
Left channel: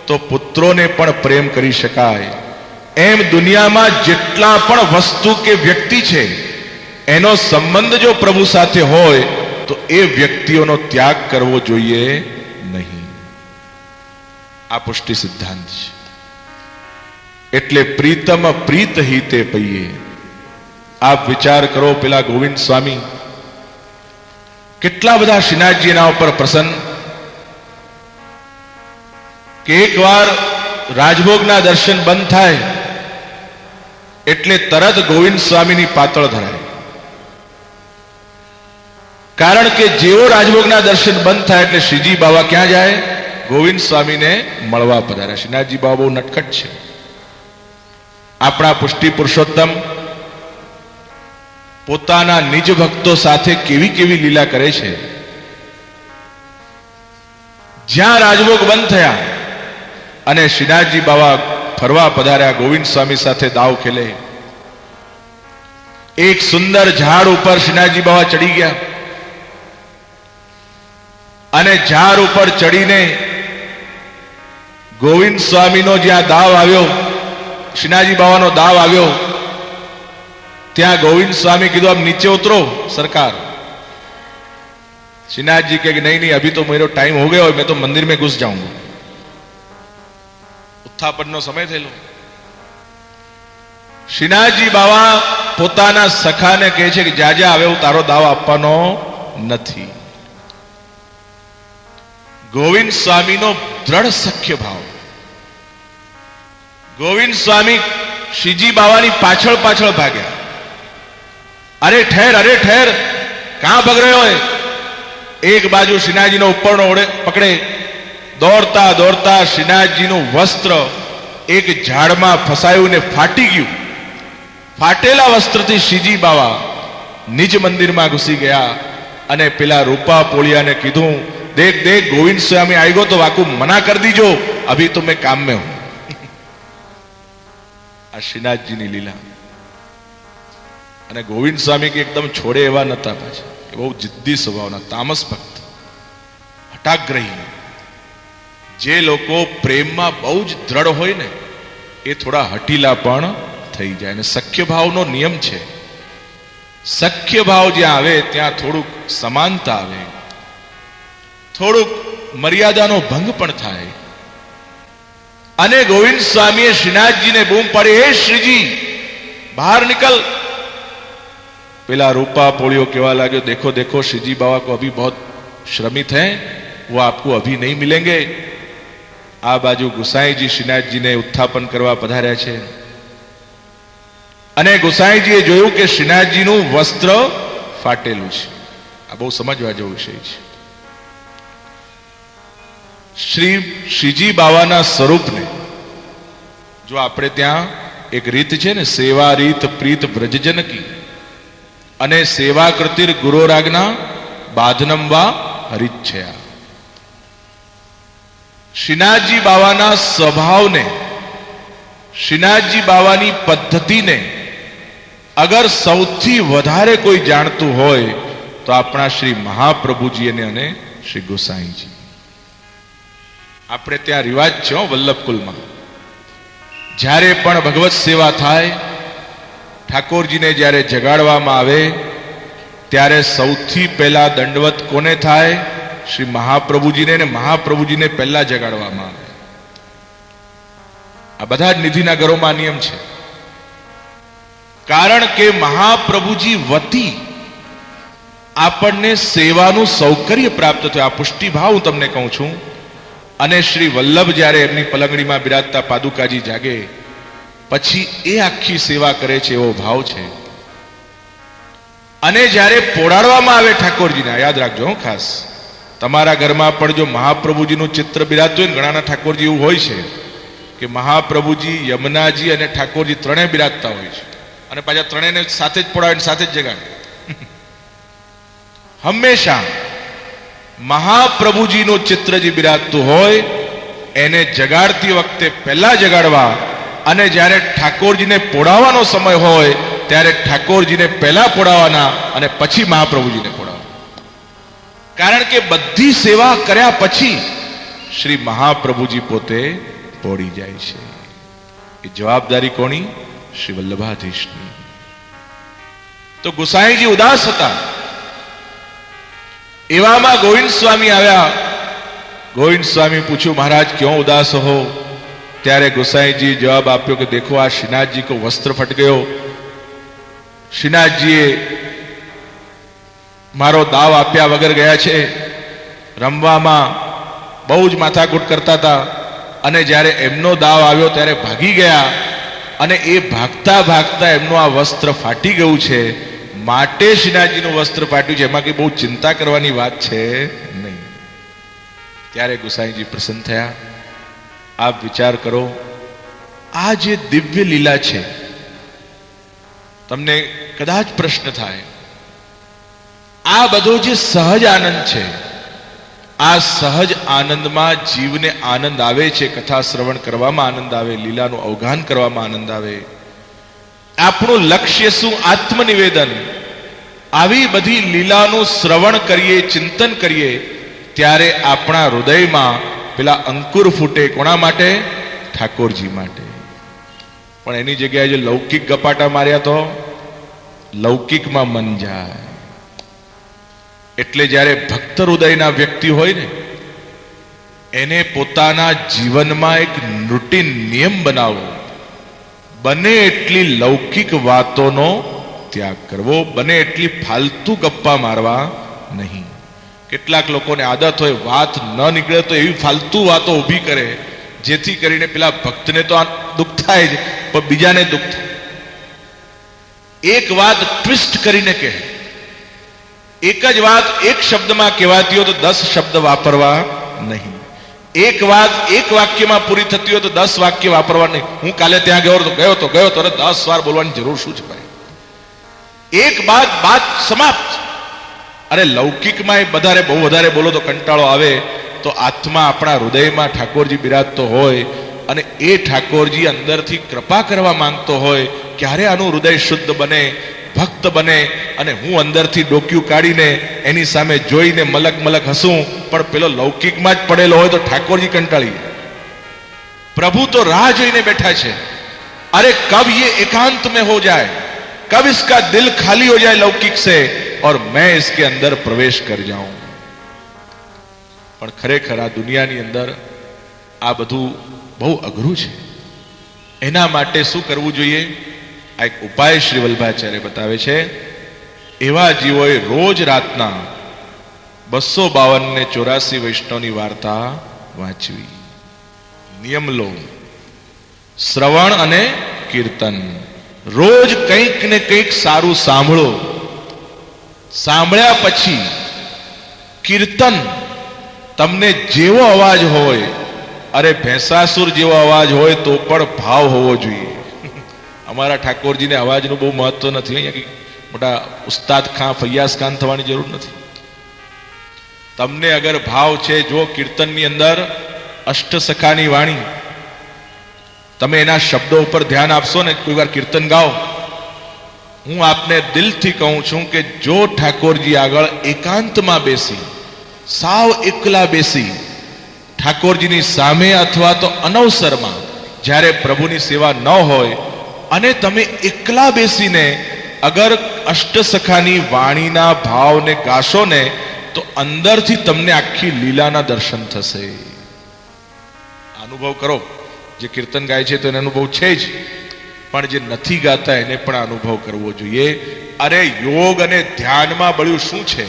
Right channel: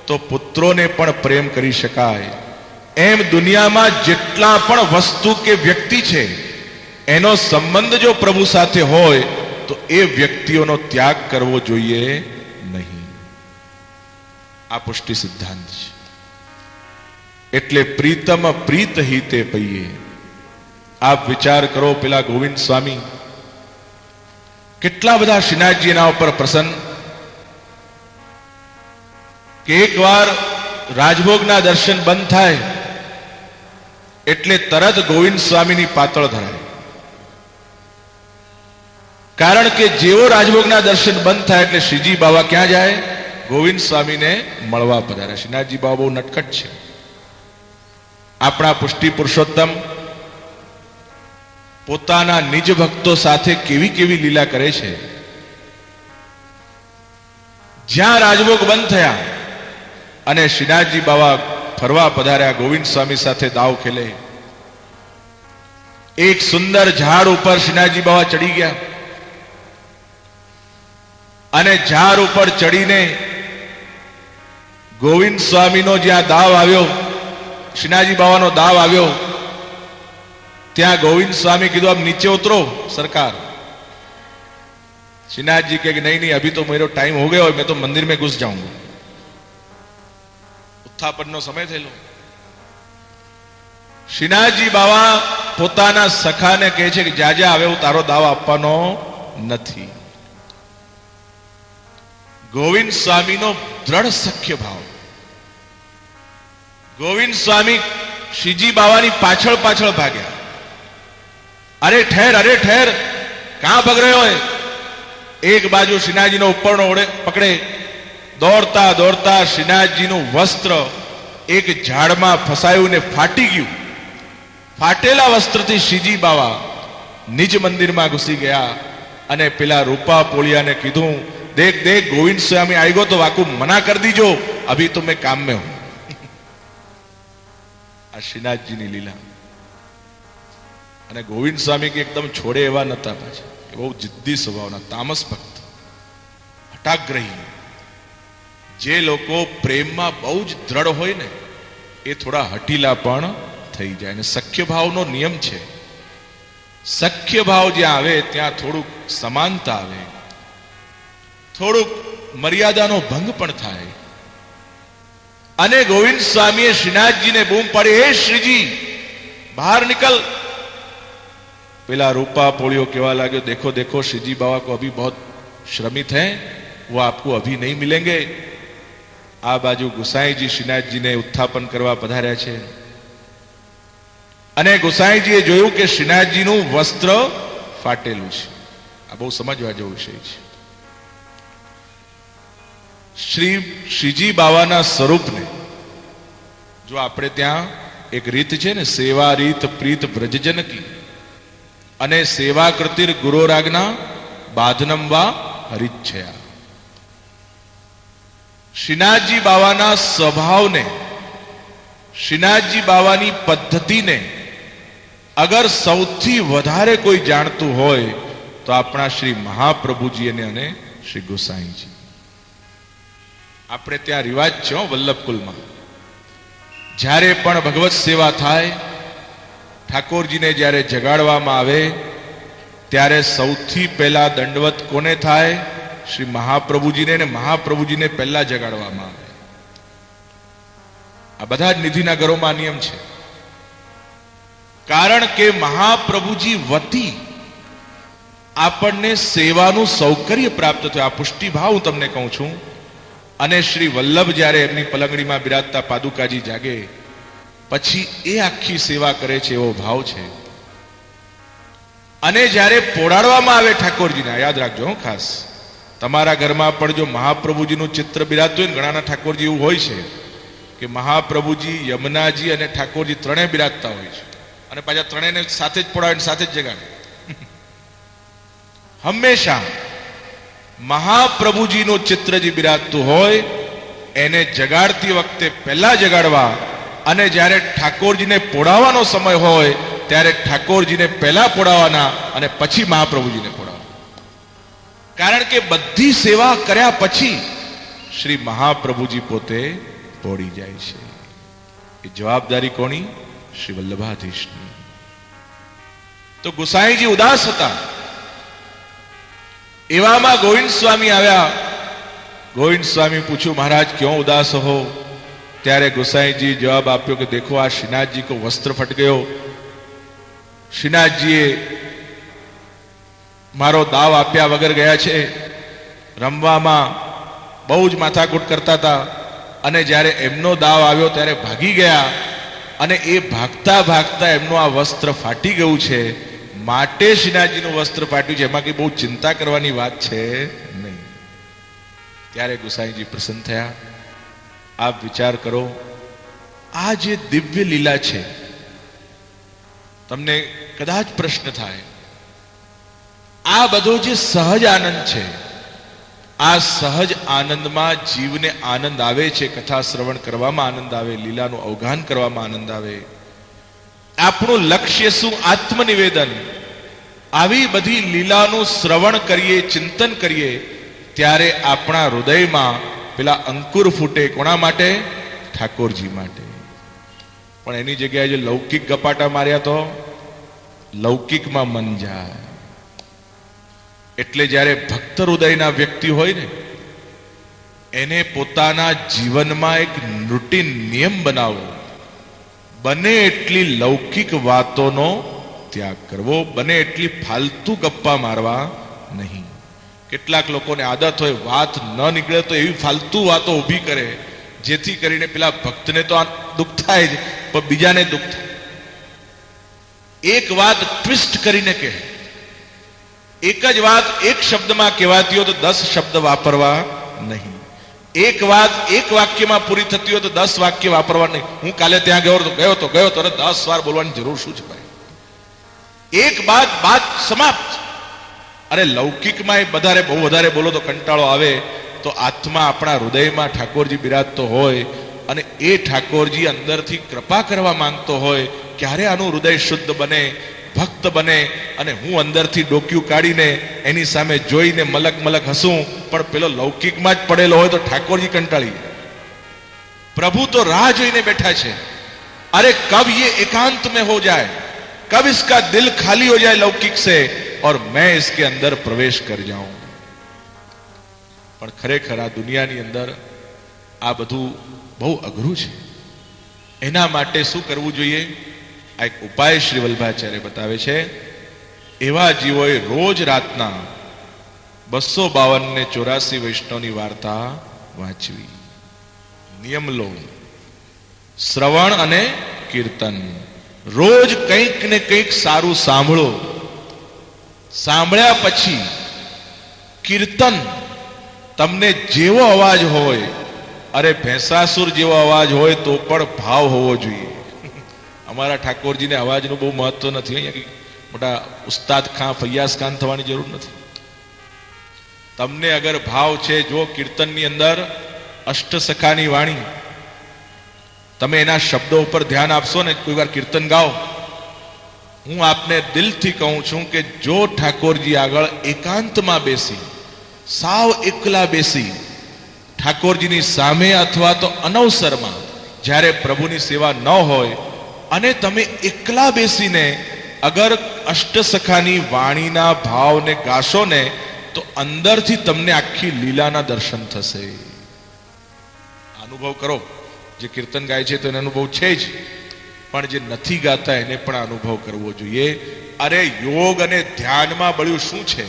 તો પુત્રોને પણ પ્રેમ કરી શકાય. એમ દુનિયામાં જેટલા પણ વસ્તુ કે વ્યક્તિ છે એનો સંબંધ જો પ્રભુ સાથે હોય તો એ વ્યક્તિઓનો ત્યાગ કરવો જોઈએ નહીં. આ પુષ્ટિ સિદ્ધાંત છે. એટલે પ્રીતમ પ્રીત હિતે પૈયે. આપ વિચાર કરો, પેલા ગોવિંદ સ્વામી કેટલા બધા શ્રીનાથજી એના ઉપર પ્રસન્ન કે એકવાર રાજભોગના દર્શન બંધ થાય એટલે તરત ગોવિંદ સ્વામીની પાતળ ધરાય. કારણ કે જેવો રાજભોગના દર્શન બંધ થાય એટલે શ્રીજી બાવા ક્યાં જાય? ગોવિંદ સ્વામીને મળવા પધારે. શ્રીનાથજી બાવા બહુ નટખટ છે. આપણા પુષ્ટિ પુરુષોત્તમ પોતાના નિજ ભક્તો સાથે કેવી કેવી લીલા કરે છે. જ્યાં રાજભોગ બંધ થયા અને શ્રીનાથજી બાવા ફરવા પધાર્યા, ગોવિંદ સ્વામી સાથે દાવ ખેલે. એક સુંદર ઝાડ ઉપર શ્રીનાથજી બાવા ચડી ગયા અને ઝાડ ઉપર ચડીને ગોવિંદ સ્વામીનો જ્યાં દાવ આવ્યો, શ્રીનાથજી બાવાનો દાવ આવ્યો, ત્યાં ગોવિંદ સ્વામી કીધું આપ નીચે ઉતરો સરકાર. श्रीनाथ जी कहे नहीं नहीं अभी तो मेरा टाइम हो गया और मैं तो मंदिर में घुस जाऊंगा. उत्थापन समय थયેલો. શ્રીનાથજી બાવા પોતાના સખાને કહે છે કે જાજા હવે હું તારો દાવ આપવાનો નથી. ગોવિંદ સ્વામીનો દ્રઢ સખ્ય ભાવ. ગોવિંદ સ્વામી શ્રીજી બાવાની પાછળ પાછળ ભાગ્યા. અરે ઠહેર કહાં ભાગ રહ્યો હે? એક બાજુ શ્રીનાથજીનો ઉપરનો ઓળે પકડે, દોડતા દોડતા શ્રીનાથજીનું વસ્ત્ર એક ઝાડમાં ફસાયું ને ફાટી ગયું. ફાટેલા વસ્ત્રથી શ્રીજી બાવા નિજ મંદિરમાં ઘૂસી ગયા અને પેલા રૂપા પોળિયાને કીધું, દેખ દેખ ગોવિંદ સ્વામી આવી ગયો તો વાકુ મના કર દીજો, અભી તો મેં કામ में हूं. આ શ્રીનાથજીની લીલા. અને ગોવિંદ સ્વામી કે એકદમ છોડે એવા નતા, પાછા એ બહુ જિદ્દી સ્વભાવના, તામસ ભક્ત, હટાગ્રહી. જે લોકો પ્રેમમાં બહુ જ દ્રઢ હોય ને એ થોડા હટીલા પણ થઈ જાય. અને સખ્ય ભાવનો નિયમ છે, સખ્ય ભાવ જ્યાં આવે ત્યાં થોડુંક સમાનતા આવે, થોડુંક મર્યાદાનો ભંગ પણ થાય. અને ગોવિંદ સ્વામીએ શ્રીનાથજીને બૂમ પાડી, હે શ્રીજી બહાર निकल. પેલા रूपा पोलियो केवा लाग्यो, देखो देखो श्रीजी बाबा को अभी बहुत श्रमित हैं, वो आपको अभी नहीं मिलेंगे. आ बाजू गुसाईजी श्रीनाथजीने उत्थापन करवा पधार्या छे અને ગુસાઈજીએ જોયું કે શ્રીનાથજીનું વસ્ત્ર ફાટેલું છે. આ બહુ સમજવા જેવો વિષય છે. શ્રીજી બાવાના સ્વરૂપને જો આપણે ત્યાં એક રીત છે ને, સેવા રીત પ્રીત વ્રજજન કી, અને સેવા કૃતિર ગુરોરાજ્ઞા બાધનમ વા હરિચ્છયા. શ્રીનાથજી બાવાના સ્વભાવને, શ્રીનાથજી બાવાની પદ્ધતિને અગર સૌથી વધારે કોઈ જાણતું હોય તો આપણા શ્રી મહાપ્રભુજી અને શ્રી ગોસાઈજી. આપણે ત્યાં રિવાજ છે વલ્લભકુલમાં, જ્યારે પણ ભગવત સેવા થાય, ઠાકોરજીને જ્યારે જગાડવામાં આવે ત્યારે સૌથી પહેલા દંડવત કોને થાય? શ્રી મહાપ્રભુજીને, અને મહાપ્રભુજીને પહેલા જગાડવામાં આવે. આ બધા જ નિધિના ઘરોમાં નિયમ છે. કારણ કે મહાપ્રભુજી વતી આપણને સેવાનું સૌકર્ય પ્રાપ્ત થયું. આ પુષ્ટિભાવ હું તમને કહું છું. અને શ્રી વલ્લભ જ્યારે એમની પલંગડીમાં બિરાજતા પાદુકાજી જાગે પછી એ આખી સેવા કરે છે એવો ભાવ છે. અને જ્યારે પોડાડવામાં આવે ઠાકોરજીને, યાદ રાખજો ખાસ, તમારા ઘરમાં પણ જો મહાપ્રભુજીનું ચિત્ર બિરાજતું હોય ને, ઘણાના ઠાકોરજી એવું હોય છે કે મહાપ્રભુજી, યમુનાજી અને ઠાકોરજી ત્રણેય બિરાજતા હોય છે, અને પાછા ત્રણેયને સાથે જ પોડાવે, સાથે જ જગાડે. હંમેશા મહાપ્રભુજીનું ચિત્ર જે બિરાજતું હોય એને જગાડતી વખતે પહેલા જગાડવા, અને જ્યારે ઠાકોરજીને પોડાવવાનો સમય હોય ત્યારે ઠાકોરજીને પહેલા પોડાવવાના અને પછી મહાપ્રભુજીને પોડાવવાના. કારણ કે બધી સેવા કર્યા પછી શ્રી મહાપ્રભુજી પોતે પોડી જાય છે. એ જવાબદારી કોની? શ્રી વલ્લભાધીશની. તો ગુસાઈજી ઉદાસ હતા. એવામાં ગોવિંદ સ્વામી આવ્યા. ગોવિંદ સ્વામી પૂછ્યું, મહારાજ ક્यों ઉદાસ હો? ત્યારે ગુસાઈજી જવાબ આપ્યો કે દેખો આ શ્રીનાથજી કો વસ્ત્ર ફટ ગયો. શ્રીનાથજીએ મારો દાવ આપ્યા વગર ગયા છે. રમવામાં બહુ જ માથાકૂટ કરતા હતા, અને જ્યારે એમનો દાવ આવ્યો ત્યારે ભાગી ગયા, અને એ ભાગતા ભાગતા એમનું આ વસ્ત્ર ફાટી ગયું છે. માટે શ્રીનાથજીનું વસ્ત્ર ફાટ્યું છે, એમાં કઈ બહુ ચિંતા કરવાની વાત છે નહીં. ત્યારે ગુસાઈજી પ્રસન્ન થયા. આપ વિચાર કરો, આ જે દિવ્ય લીલા છે, તમને કદાચ પ્રશ્ન થાય, આ બધો જે સહજ આનંદ છે, આ સહજ આનંદમાં જીવને આનંદ આવે છે. કથા શ્રવણ કરવામાં આનંદ આવે, લીલાનું અવગાન કરવામાં આનંદ આવે. આપણું લક્ષ્ય શું? આત્મનિવેદન. આવી બધી લીલાનું શ્રવણ કરીએ, ચિંતન કરીએ, ત્યારે આપણા હૃદયમાં પેલા અંકુર ફૂટે. કોના માટે? ઠાકોરજી માટે. પણ એની જગ્યાએ જે લૌકિક ગપાટા માર્યા તો લૌકિકમાં મન જાય. એટલે જ્યારે ભક્ત હૃદયના વ્યક્તિ હોય ને, એને પોતાના જીવનમાં એક રૂટીન નિયમ બનાવવો. બને એટલી લૌકિક વાતોનો ત્યાગ કરવો, બને એટલી ફાલતુ ગપ્પા મારવા નહીં. કેટલાક લોકોને આદત હોય, વાત ન નીકળે તો એવી ફાલતુ વાતો ઊભી કરે જેથી કરીને પેલા ભક્તને તો આ દુઃખ થાય જ, પણ બીજાને દુઃખ થાય. એક વાત ટ્વિસ્ટ કરીને કહે. એક જ વાત એક શબ્દમાં કહેવાતી હોય તો 10 શબ્દ વાપરવા નહીં. એક વાત એક વાક્યમાં પૂરી થતી હોય તો 10 વાક્ય વાપરવા નહીં. હું કાલે ત્યાં ગયો તો 10 વાર બોલવાની જરૂર શું છે ભાઈ? એક બાત સમાપ્ત. અરે લૌકિકમાં બહુ વધારે બોલો તો કંટાળો આવે. તો આત્મા આપણા હૃદયમાં ઠાકોરજી બિરાજતો હોય, અને એ ઠાકોરજી અંદરથી કૃપા કરવા માંગતો હોય, ક્યારે આનું હૃદય શુદ્ધ બને, ભક્ત બને, અને હું અંદરથી ડોક્યું કાઢીને એની સામે જોઈને મલક મલક હસું. પણ પેલો લૌકિકમાં જ પડેલો હોય તો ઠાકોરજી કંટાળી જાય. પ્રભુ તો રાહ જોઈને બેઠા છે. અરે કબ ये एकांत में हो जाए, कब इसका दिल खाली हो जाए लौकिक से और मैं इसके अंदर प्रवेश कर जाऊं. પણ ખરેખર આ દુનિયાની અંદર આ બધું બહુ અઘરું છે. એના માટે શું કરવું જોઈએ? આ એક ઉપાય શ્રી વલ્લભાચાર્ય બતાવે છે. એવા જીવોએ રોજ રાતના 252 ને 84 વૈષ્ણવની વાર્તા વાંચવી. નિયમ લો, શ્રવણ અને કીર્તન. રોજ કંઈક ને કંઈક સારું સાંભળો. સાંભળ્યા પછી કીર્તન. તમને જેવો અવાજ હોય, અરે ભેંસાસુર જેવો અવાજ હોય તો પણ ભાવ હોવો જોઈએ. અમારા ઠાકોરજીને અવાજનું બહુ મહત્વ નથી. અહીંયા મોટા ઉસ્તાદ ખાન, ફૈયાઝ ખાન થવાની જરૂર નથી. તમને અગર ભાવ છે, જો કીર્તનની અંદર અષ્ટસખાની વાણી, તમે એના શબ્દો ઉપર ધ્યાન આપશો ને, કોઈ વાર કીર્તન ગાઓ હું આપને દિલથી કહું છું કે જો ઠાકોરજી આગળ એકાંતમાં બેસી, સાવ એકલા બેસી, ઠાકોરજીની સામે અથવા તો અનવસરમાં જ્યારે પ્રભુની સેવા ન હોય અને તમે એકલા બેસીને અગર અષ્ટસખાની વાણીના ભાવને ગાશો ને તો અંદરથી તમને આખી લીલાના દર્શન થશે. અનુભવ કરો. જે કીર્તન ગાય છે તો એનો અનુભવ છે જ, પણ જે નથી ગાતા એને પણ અનુભવ કરવો જોઈએ. અરે યોગ અને ધ્યાનમાં બળ્યું શું છે?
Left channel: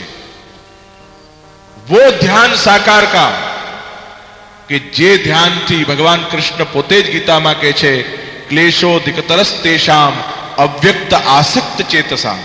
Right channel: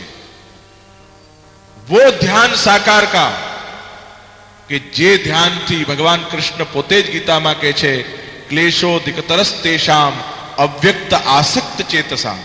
વો ધ્યાન સાકાર કા, કે જે ધ્યાનથી ભગવાન કૃષ્ણ પોતે જ ગીતામાં કહે છે ક્લેશોધિકતરસ તેષામ અવ્યક્ત આસક્ત ચેતસા.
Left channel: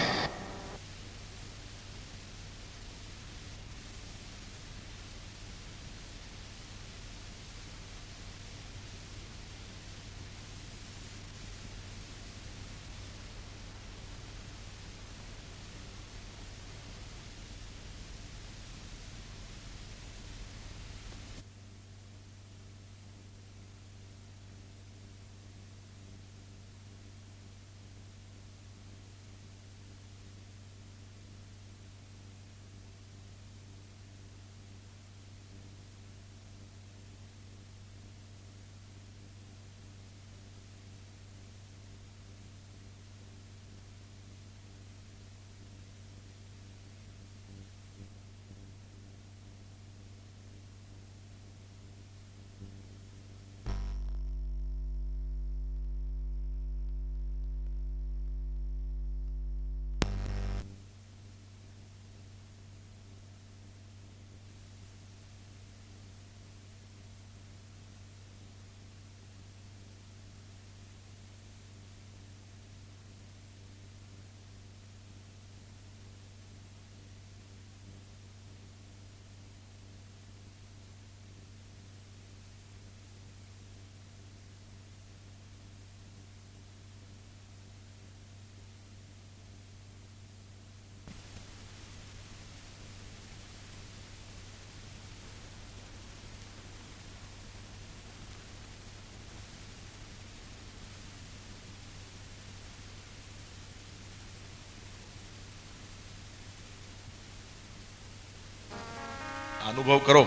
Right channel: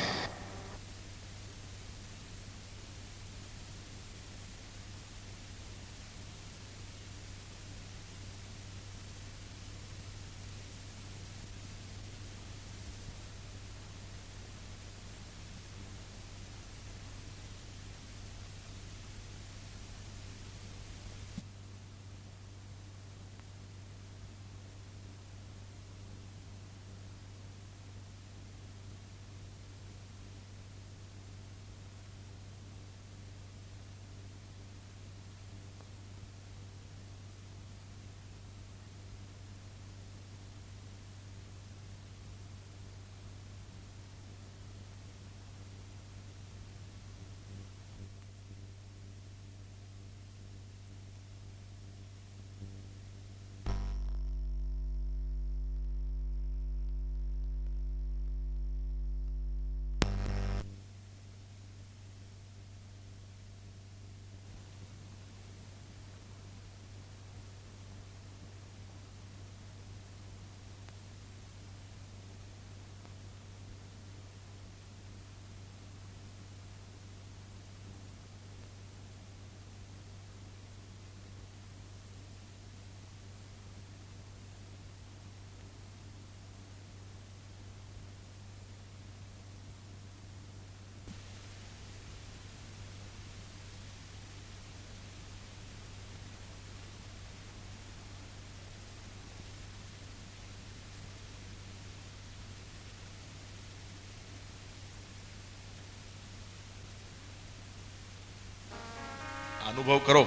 અનુભવ કરો.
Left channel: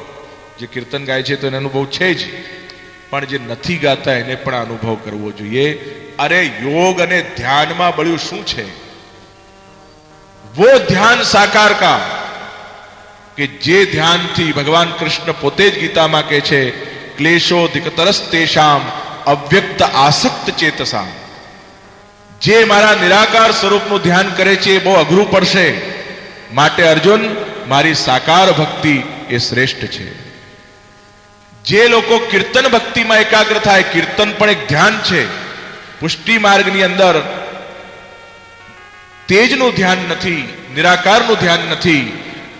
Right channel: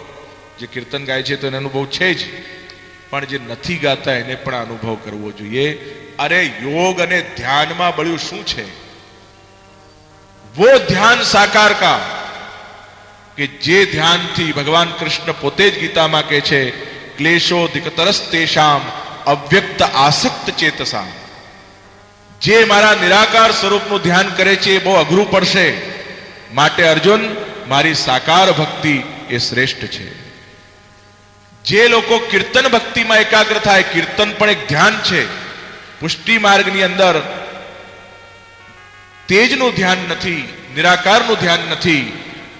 જે કીર્તન ગાય છે તો એનો અનુભવ છે જ, પણ જે નથી ગાતા એને પણ અનુભવ કરવો જોઈએ. અરે યોગ અને ધ્યાનમાં બળ્યું શું છે? વો ધ્યાન સાકાર કા, કે જે ધ્યાનથી ભગવાન કૃષ્ણ પોતે જ ગીતામાં કહે છે ક્લેશોધિકતરસ તેષામ અવ્યક્ત આસક્ત ચેતસા. જે મારા નિરાકાર સ્વરૂપનું ધ્યાન કરે છે એ બહુ અઘરું પડશે. માટે અર્જુન, મારી સાકાર ભક્તિ એ શ્રેષ્ઠ છે. જે લોકો કીર્તન ભક્તિમાં એકાગ્ર થાય, કીર્તન પણ એક ધ્યાન છે. પુષ્ટિ માર્ગની અંદર તેજનું ધ્યાન નથી, નિરાકારનું ધ્યાન નથી,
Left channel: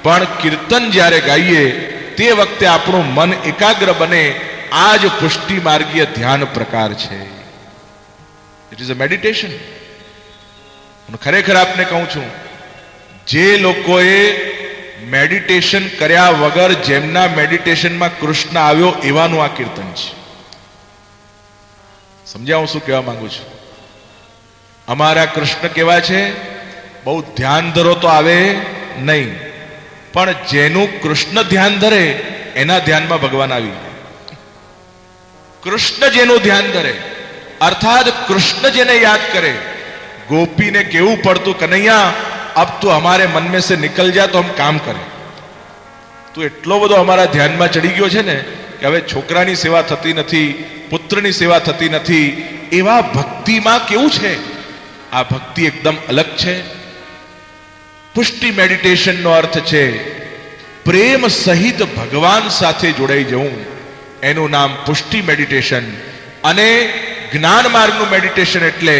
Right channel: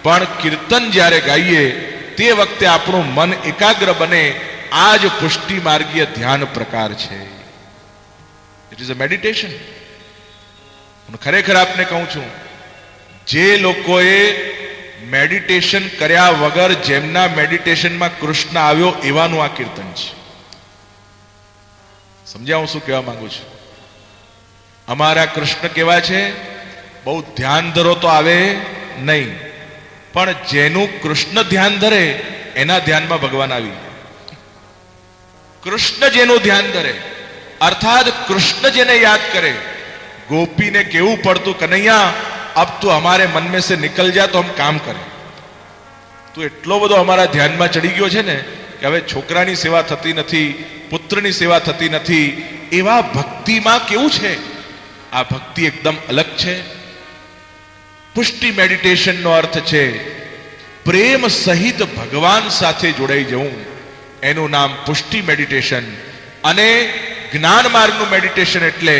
પણ કીર્તન જ્યારે ગાઈએ તે વખતે આપણું મન એકાગ્ર બને. આ જ પુષ્ટિ માર્ગીય ધ્યાન પ્રકાર છે. It is a meditation. હું ખરેખર આપને કહું છું, જે લોકોએ મેડિટેશન કર્યા વગર જેમના મેડિટેશનમાં કૃષ્ણ આવ્યો એવાનું આ કીર્તન છે. સમજ્યા હું શું કહેવા માંગુ છું? અમારા કૃષ્ણ કેવા છે? બહુ ધ્યાન ધરો તો આવે નહીં, પણ જેનું કૃષ્ણ ધ્યાન ધરે એના ધ્યાનમાં ભગવાન આવ્યું. કૃષ્ણ જેનું ધ્યાન ધરે, અર્થાત કૃષ્ણ જેને યાદ કરે. ગોપીને કેવું પડતું, કનૈયા अब तो हमारे मन में से निकल जा तो हम काम करें. तो એટલો બધો અમારા ધ્યાનમાં ચડી ગયો છે ને કે હવે છોકરાની સેવા થતી નથી, પુત્રની સેવા થતી નથી. એવા ભક્તિમાં કેવું છે? આ ભક્તિ એકદમ અલગ છે. પુષ્ટિ મેડિટેશનનો અર્થ છે પ્રેમ સહિત ભગવાન સાથે જોડાઈ જવું. એનું નામ પુષ્ટિ મેડિટેશન. અને જ્ઞાન માર્ગનું મેડિટેશન એટલે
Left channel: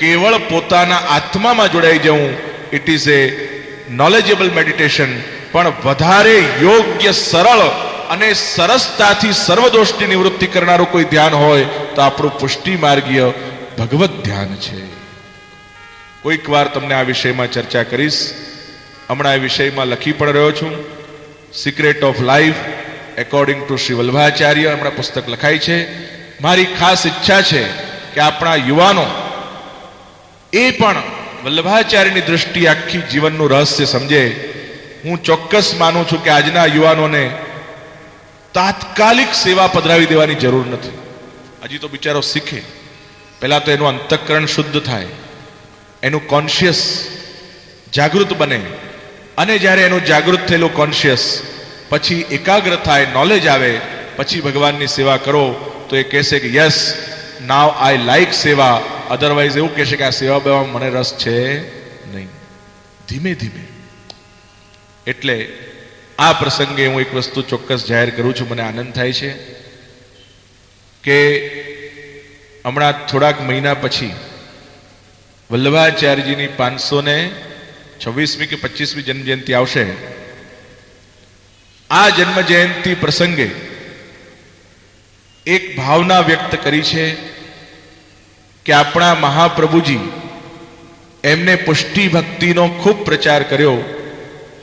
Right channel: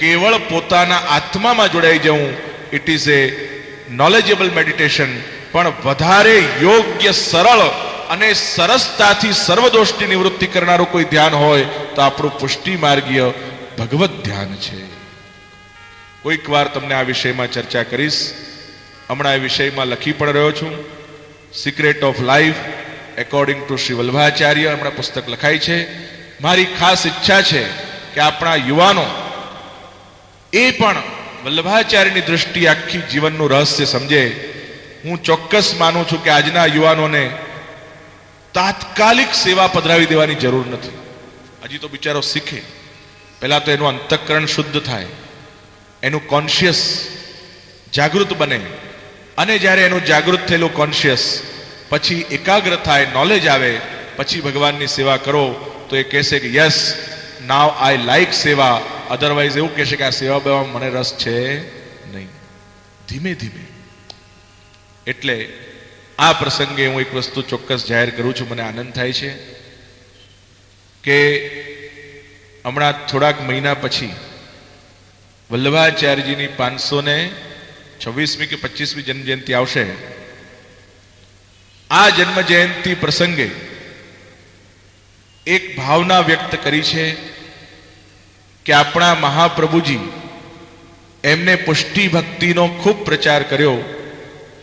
કેવળ પોતાના આત્મામાં જોડાઈ જવું. It is A knowledgeable meditation. પણ વધારે યોગ્ય, સરળ અને સરસતાથી સર્વદોષની નિવૃત્તિ કરનારું કોઈ ધ્યાન હોય તો આપણું પુષ્ટિ માર્ગીય ભગવત ધ્યાન છે. કોઈક વાર તમને આ વિષયમાં ચર્ચા કરીશ. હમણાં એ વિષયમાં લખી પણ રહ્યો છું. Secret of life according to Shri Vallabhacharya હમણાં પુસ્તક લખાય છે. મારી ખાસ ઈચ્છા છે કે આપણા યુવાનો એ પણ વલ્લભાચાર્યની દ્રષ્ટિએ આખી જીવનનું રહસ્ય સમજે, હું ચોક્કસ માનું છું કે આજના યુવાનોને તાત્કાલિક સેવા પધરાવી દેવાની જરૂર નથી. હજી તો બિચારો શીખે. પહેલા તો એનું અંતઃકરણ શુદ્ધ થાય, એનું કોન્શિયસ જાગૃત બને, અને જ્યારે એનું જાગૃત થયેલું કોન્શિયસ પછી એકાગ્ર થાય, નોલેજ આવે, પછી ભગવાનની સેવા કરો તો એ કહેશે કે યસ નાવ આઈ લાઈક સેવા. અધરવાઇઝ એવું કહેશે કે આ સેવા બેવામાં મને રસ છે નહીં. ધીમે ધીમે. એટલે આ પ્રસંગે હું એક વસ્તુ ચોક્કસ જાહેર કરું છું. મને આનંદ થાય છે કે હમણાં થોડાક મહિના પછી વલ્લભાચાર્યજીની 526મી કે 25મી જન્મજયંતિ આવશે. આ જન્મ જયંતિ પ્રસંગે એક ભાવના વ્યક્ત કરી છે કે આપણા મહાપ્રભુજી એમને પુષ્ટિ ભક્તિનો ખૂબ પ્રચાર કર્યો,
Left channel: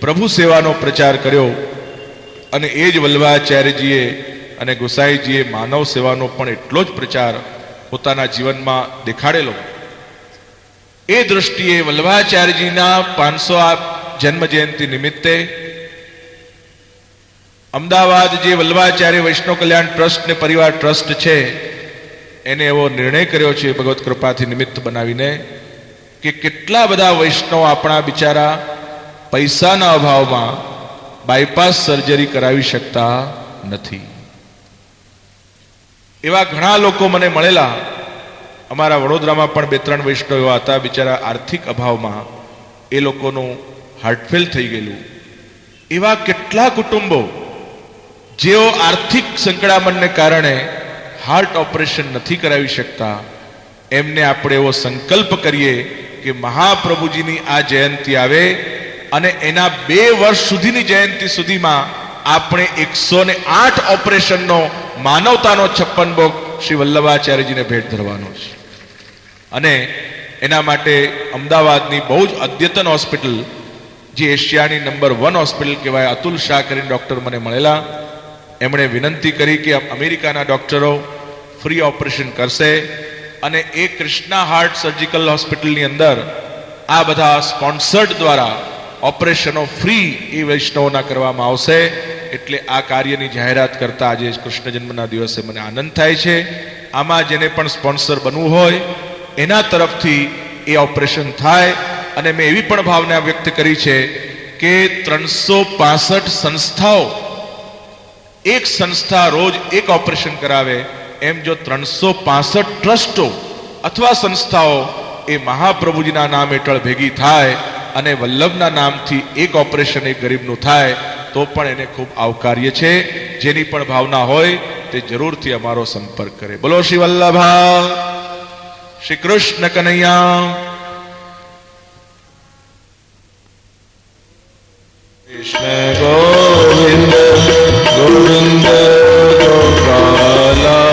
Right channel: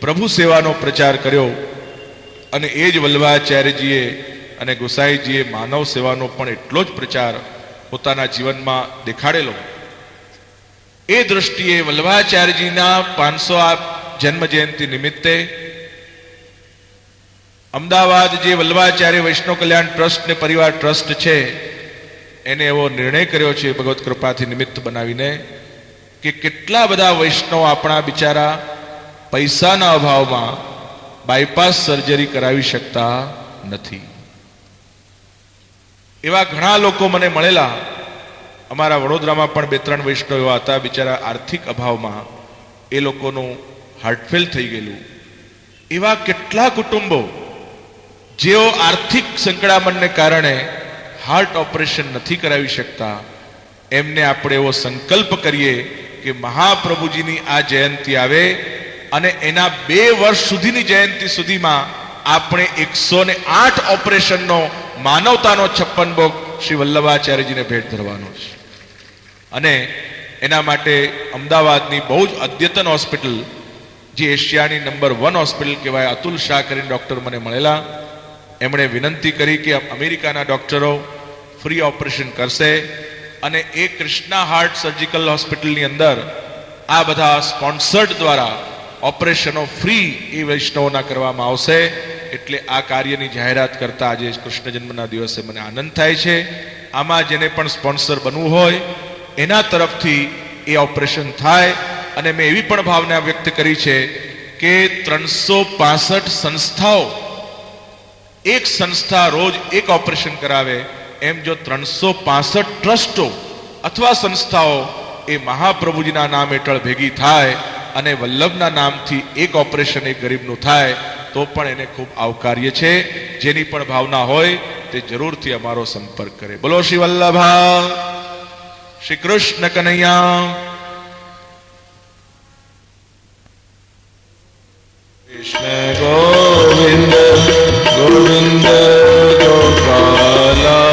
પ્રભુ સેવાનો પ્રચાર કર્યો, અને એ જ વલ્લભાચાર્યજીએ અને ગોસાઈજીએ માનવ સેવાનો પણ એટલો જ પ્રચાર પોતાના જીવનમાં દેખાડેલો. એ દૃષ્ટિએ વલ્લભાચાર્યજીના 500 જન્મ જયંતિ નિમિત્તે અમદાવાદ જે વલ્લભાચાર્ય વૈષ્ણવ કલ્યાણ ટ્રસ્ટ ને પરિવાર ટ્રસ્ટ છે એને એવો નિર્ણય કર્યો છે ભગવત કૃપાથી નિમિત્ત બનાવીને કે કેટલા બધા વૈષ્ણવ આપણા બિચારા પૈસાના અભાવમાં બાયપાસ સર્જરી કરાવી શકતા નથી. એવા ઘણા લોકો મને મળેલા. અમારા વડોદરામાં પણ 2-3 વૈષ્ણવ એવા હતા, બિચારા આર્થિક અભાવમાં એ લોકોનું હાર્ટફેલ થઈ ગયેલું. એવા કેટલા કુટુંબો જેઓ આર્થિક સંકળામણને કારણે હાર્ટ ઓપરેશન નથી કરાવી શકતા, એમને આપણે એવો સંકલ્પ કરીએ કે મહાપ્રભુજીની આ જયંતિ આવે અને એના 2 વર્ષ સુધીની જયંતિ સુધીમાં આપણે 108 ઓપરેશનનો માનવતાનો 56 ભોગ શ્રી વલ્લભાચાર્યજીને ભેટ ધરવાનો છે. અને એના માટે અમદાવાદની બહુ જ અદ્યતન હોસ્પિટલ, જે એશિયાની નંબર 1 હોસ્પિટલ કહેવાય, અતુલ શાહ કરીને ડૉક્ટર મને મળેલા. એમણે વિનંતી કરી કે અમેરિકાના ડૉક્ટરો ફ્રી ઓપરેશન કરશે, અને એ કૃષ્ણા હાર્ટ સર્જિકલ હોસ્પિટલની અંદર આ બધા સ્પોન્સર્ડ દ્વારા ઓપરેશનો ફ્રી એ વૈષ્ણવોના કરવામાં આવશે. એટલે આ કાર્યની જાહેરાત કરતા આજે કૃષ્ણ જન્મના દિવસે મને આનંદ થાય છે. આમાં જેને પણ સ્પોન્સર બનવું હોય એના તરફથી એ ઓપરેશન થાય. અને મેં એવી પણ ભાવના વ્યક્ત કરી છે કે 365 સંસ્થાઓ, એક સંસ્થા રોજ એક ઓપરેશન કરાવે, એમ જો 365 ટ્રસ્ટો અથવા સંસ્થાઓ એ મહાપ્રભુજીના નામ હેઠળ ભેગી થાય અને વલ્લભના નામથી એક ઓપરેશન એક ગરીબનું થાય તો પણ એને ખૂબ આવકાર્ય છે. જેની પણ ભાવના હોય તે જરૂરથી અમારો સંપર્ક કરે. બોલો શ્રી વલ્લભા, શ્રી કૃષ્ણ કનૈયા. કૃષ્ણ ગોવિંદ ગોવિંદ ગોપાલા,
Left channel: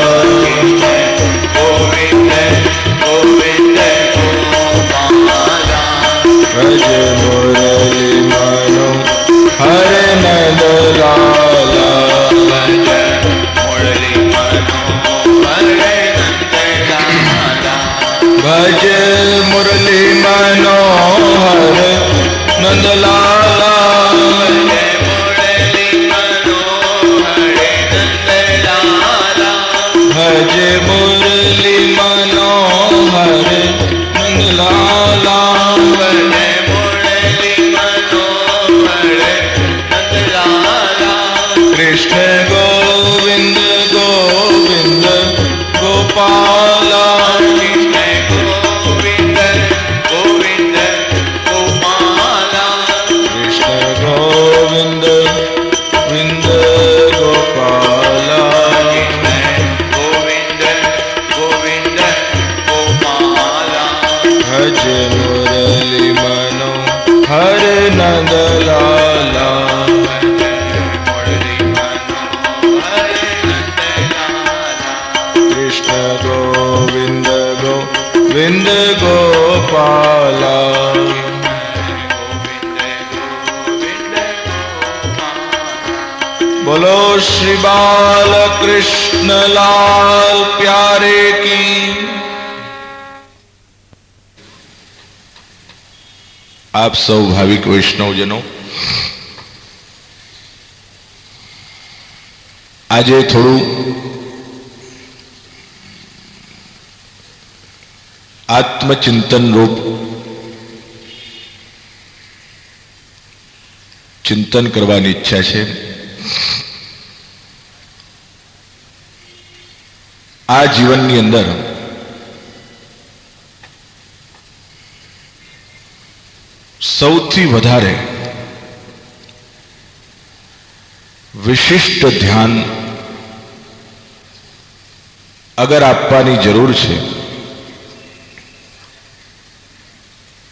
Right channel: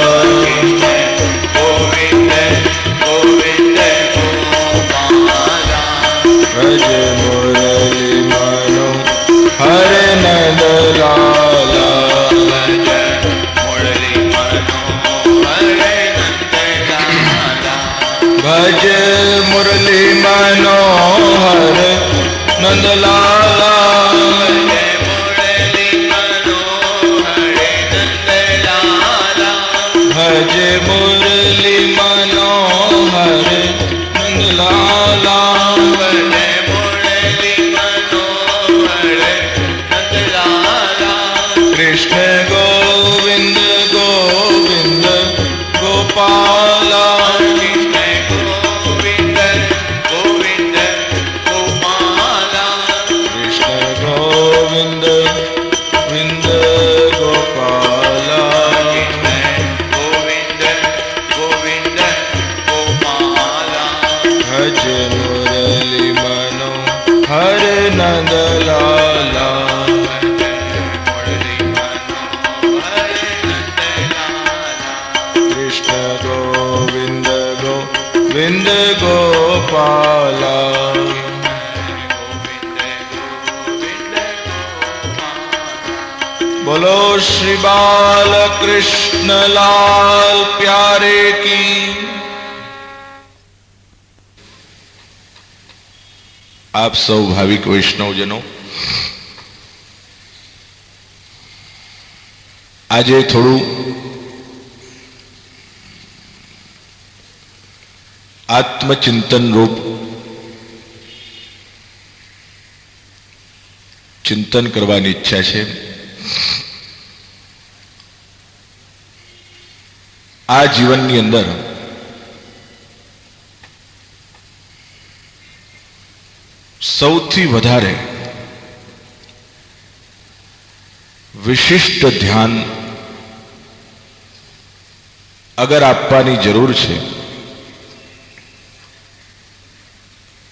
ગોવિંદ ગોવિંદ ગોપાલા, ભજ મુરલી મનો હરે નંદ લાલા, ભજ મુરલી મનો હરે નંદ લાલા, ભજ મુરલી મનો હરે નંદલાલા, કૃષ્ણ ગોવિંદ ગોવિંદ ગોપાલા, ગોવિંદ ગોવિંદ ગોપાલા, કૃષ્ણ ગોવિંદ ગોવિંદ ગોપાલા, ગોવિંદ ગોવિંદ ગોપાલા, ભજ મુરલી મનો હરે નંદલાલા, કૃષ્ણ ગોવિંદ ગોવિંદ ગોપાલા. બોલો શ્રી બાલ કૃષ્ણ લાલ પ્યારે કી. આપ સૌ ભાવિક વૈષ્ણવજનો, આજે થોડું આત્મચિંતન રૂપ ચિંતન કરવાની ઈચ્છા છે. આ જીવનની અંદર સૌથી વધારે વિશિષ્ટ ધ્યાન અગર આપવાની જરૂર છે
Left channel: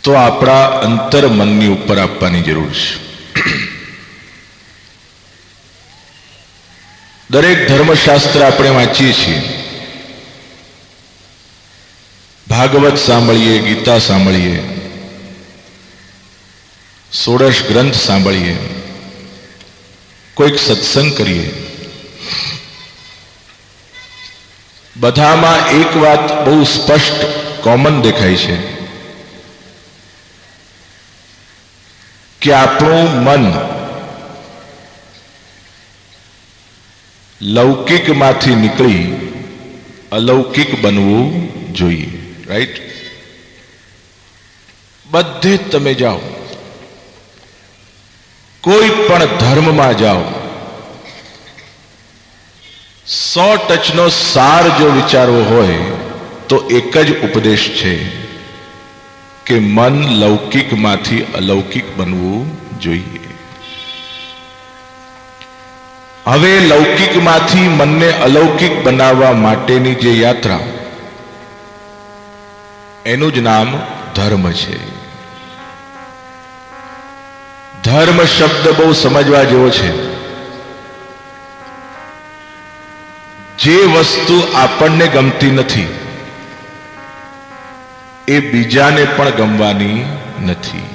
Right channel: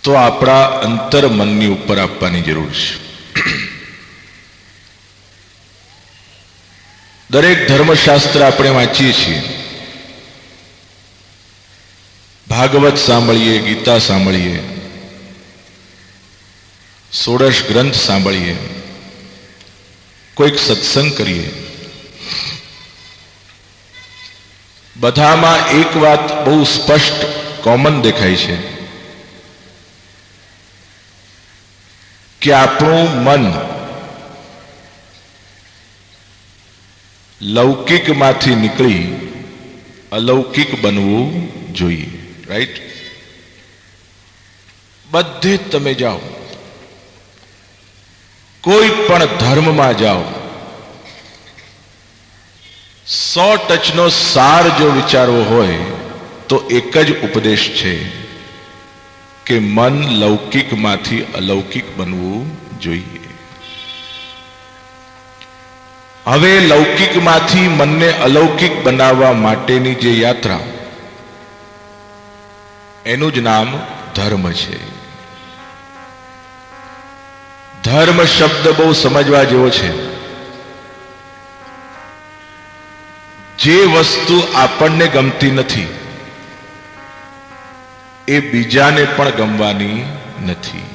તો આપણા અંતર મનની ઉપર આપવાની જરૂર છે. દરેક ધર્મશાસ્ત્ર આપણે વાંચીએ છીએ, ભાગવત સાંભળીએ, ગીતા સાંભળીએ, ષોડશ ગ્રંથ સાંભળીએ, કોઈક સત્સંગ કરીએ, બધામાં એક વાત બહુ સ્પષ્ટ કોમન દેખાય છે કે આપણું મન લૌકિકમાંથી નીકળી અલૌકિક બનવું જોઈએ. રાઈટ? બધે તમે જાઓ, કોઈ પણ ધર્મમાં જાઓ, 100% સાર જો વિચારવો હોય તો એક જ ઉપદેશ છે કે મન લૌકિકમાંથી અલૌકિક બનવું જોઈએ. હવે લૌકિકમાંથી મનને અલૌકિક બનાવવા માટેની જે યાત્રા, એનું જ નામ ધર્મ છે. ધર્મ શબ્દ બહુ સમજવા જેવો છે. જે વસ્તુ આપણને ગમતી નથી એ બીજાને પણ ગમવાની નથી.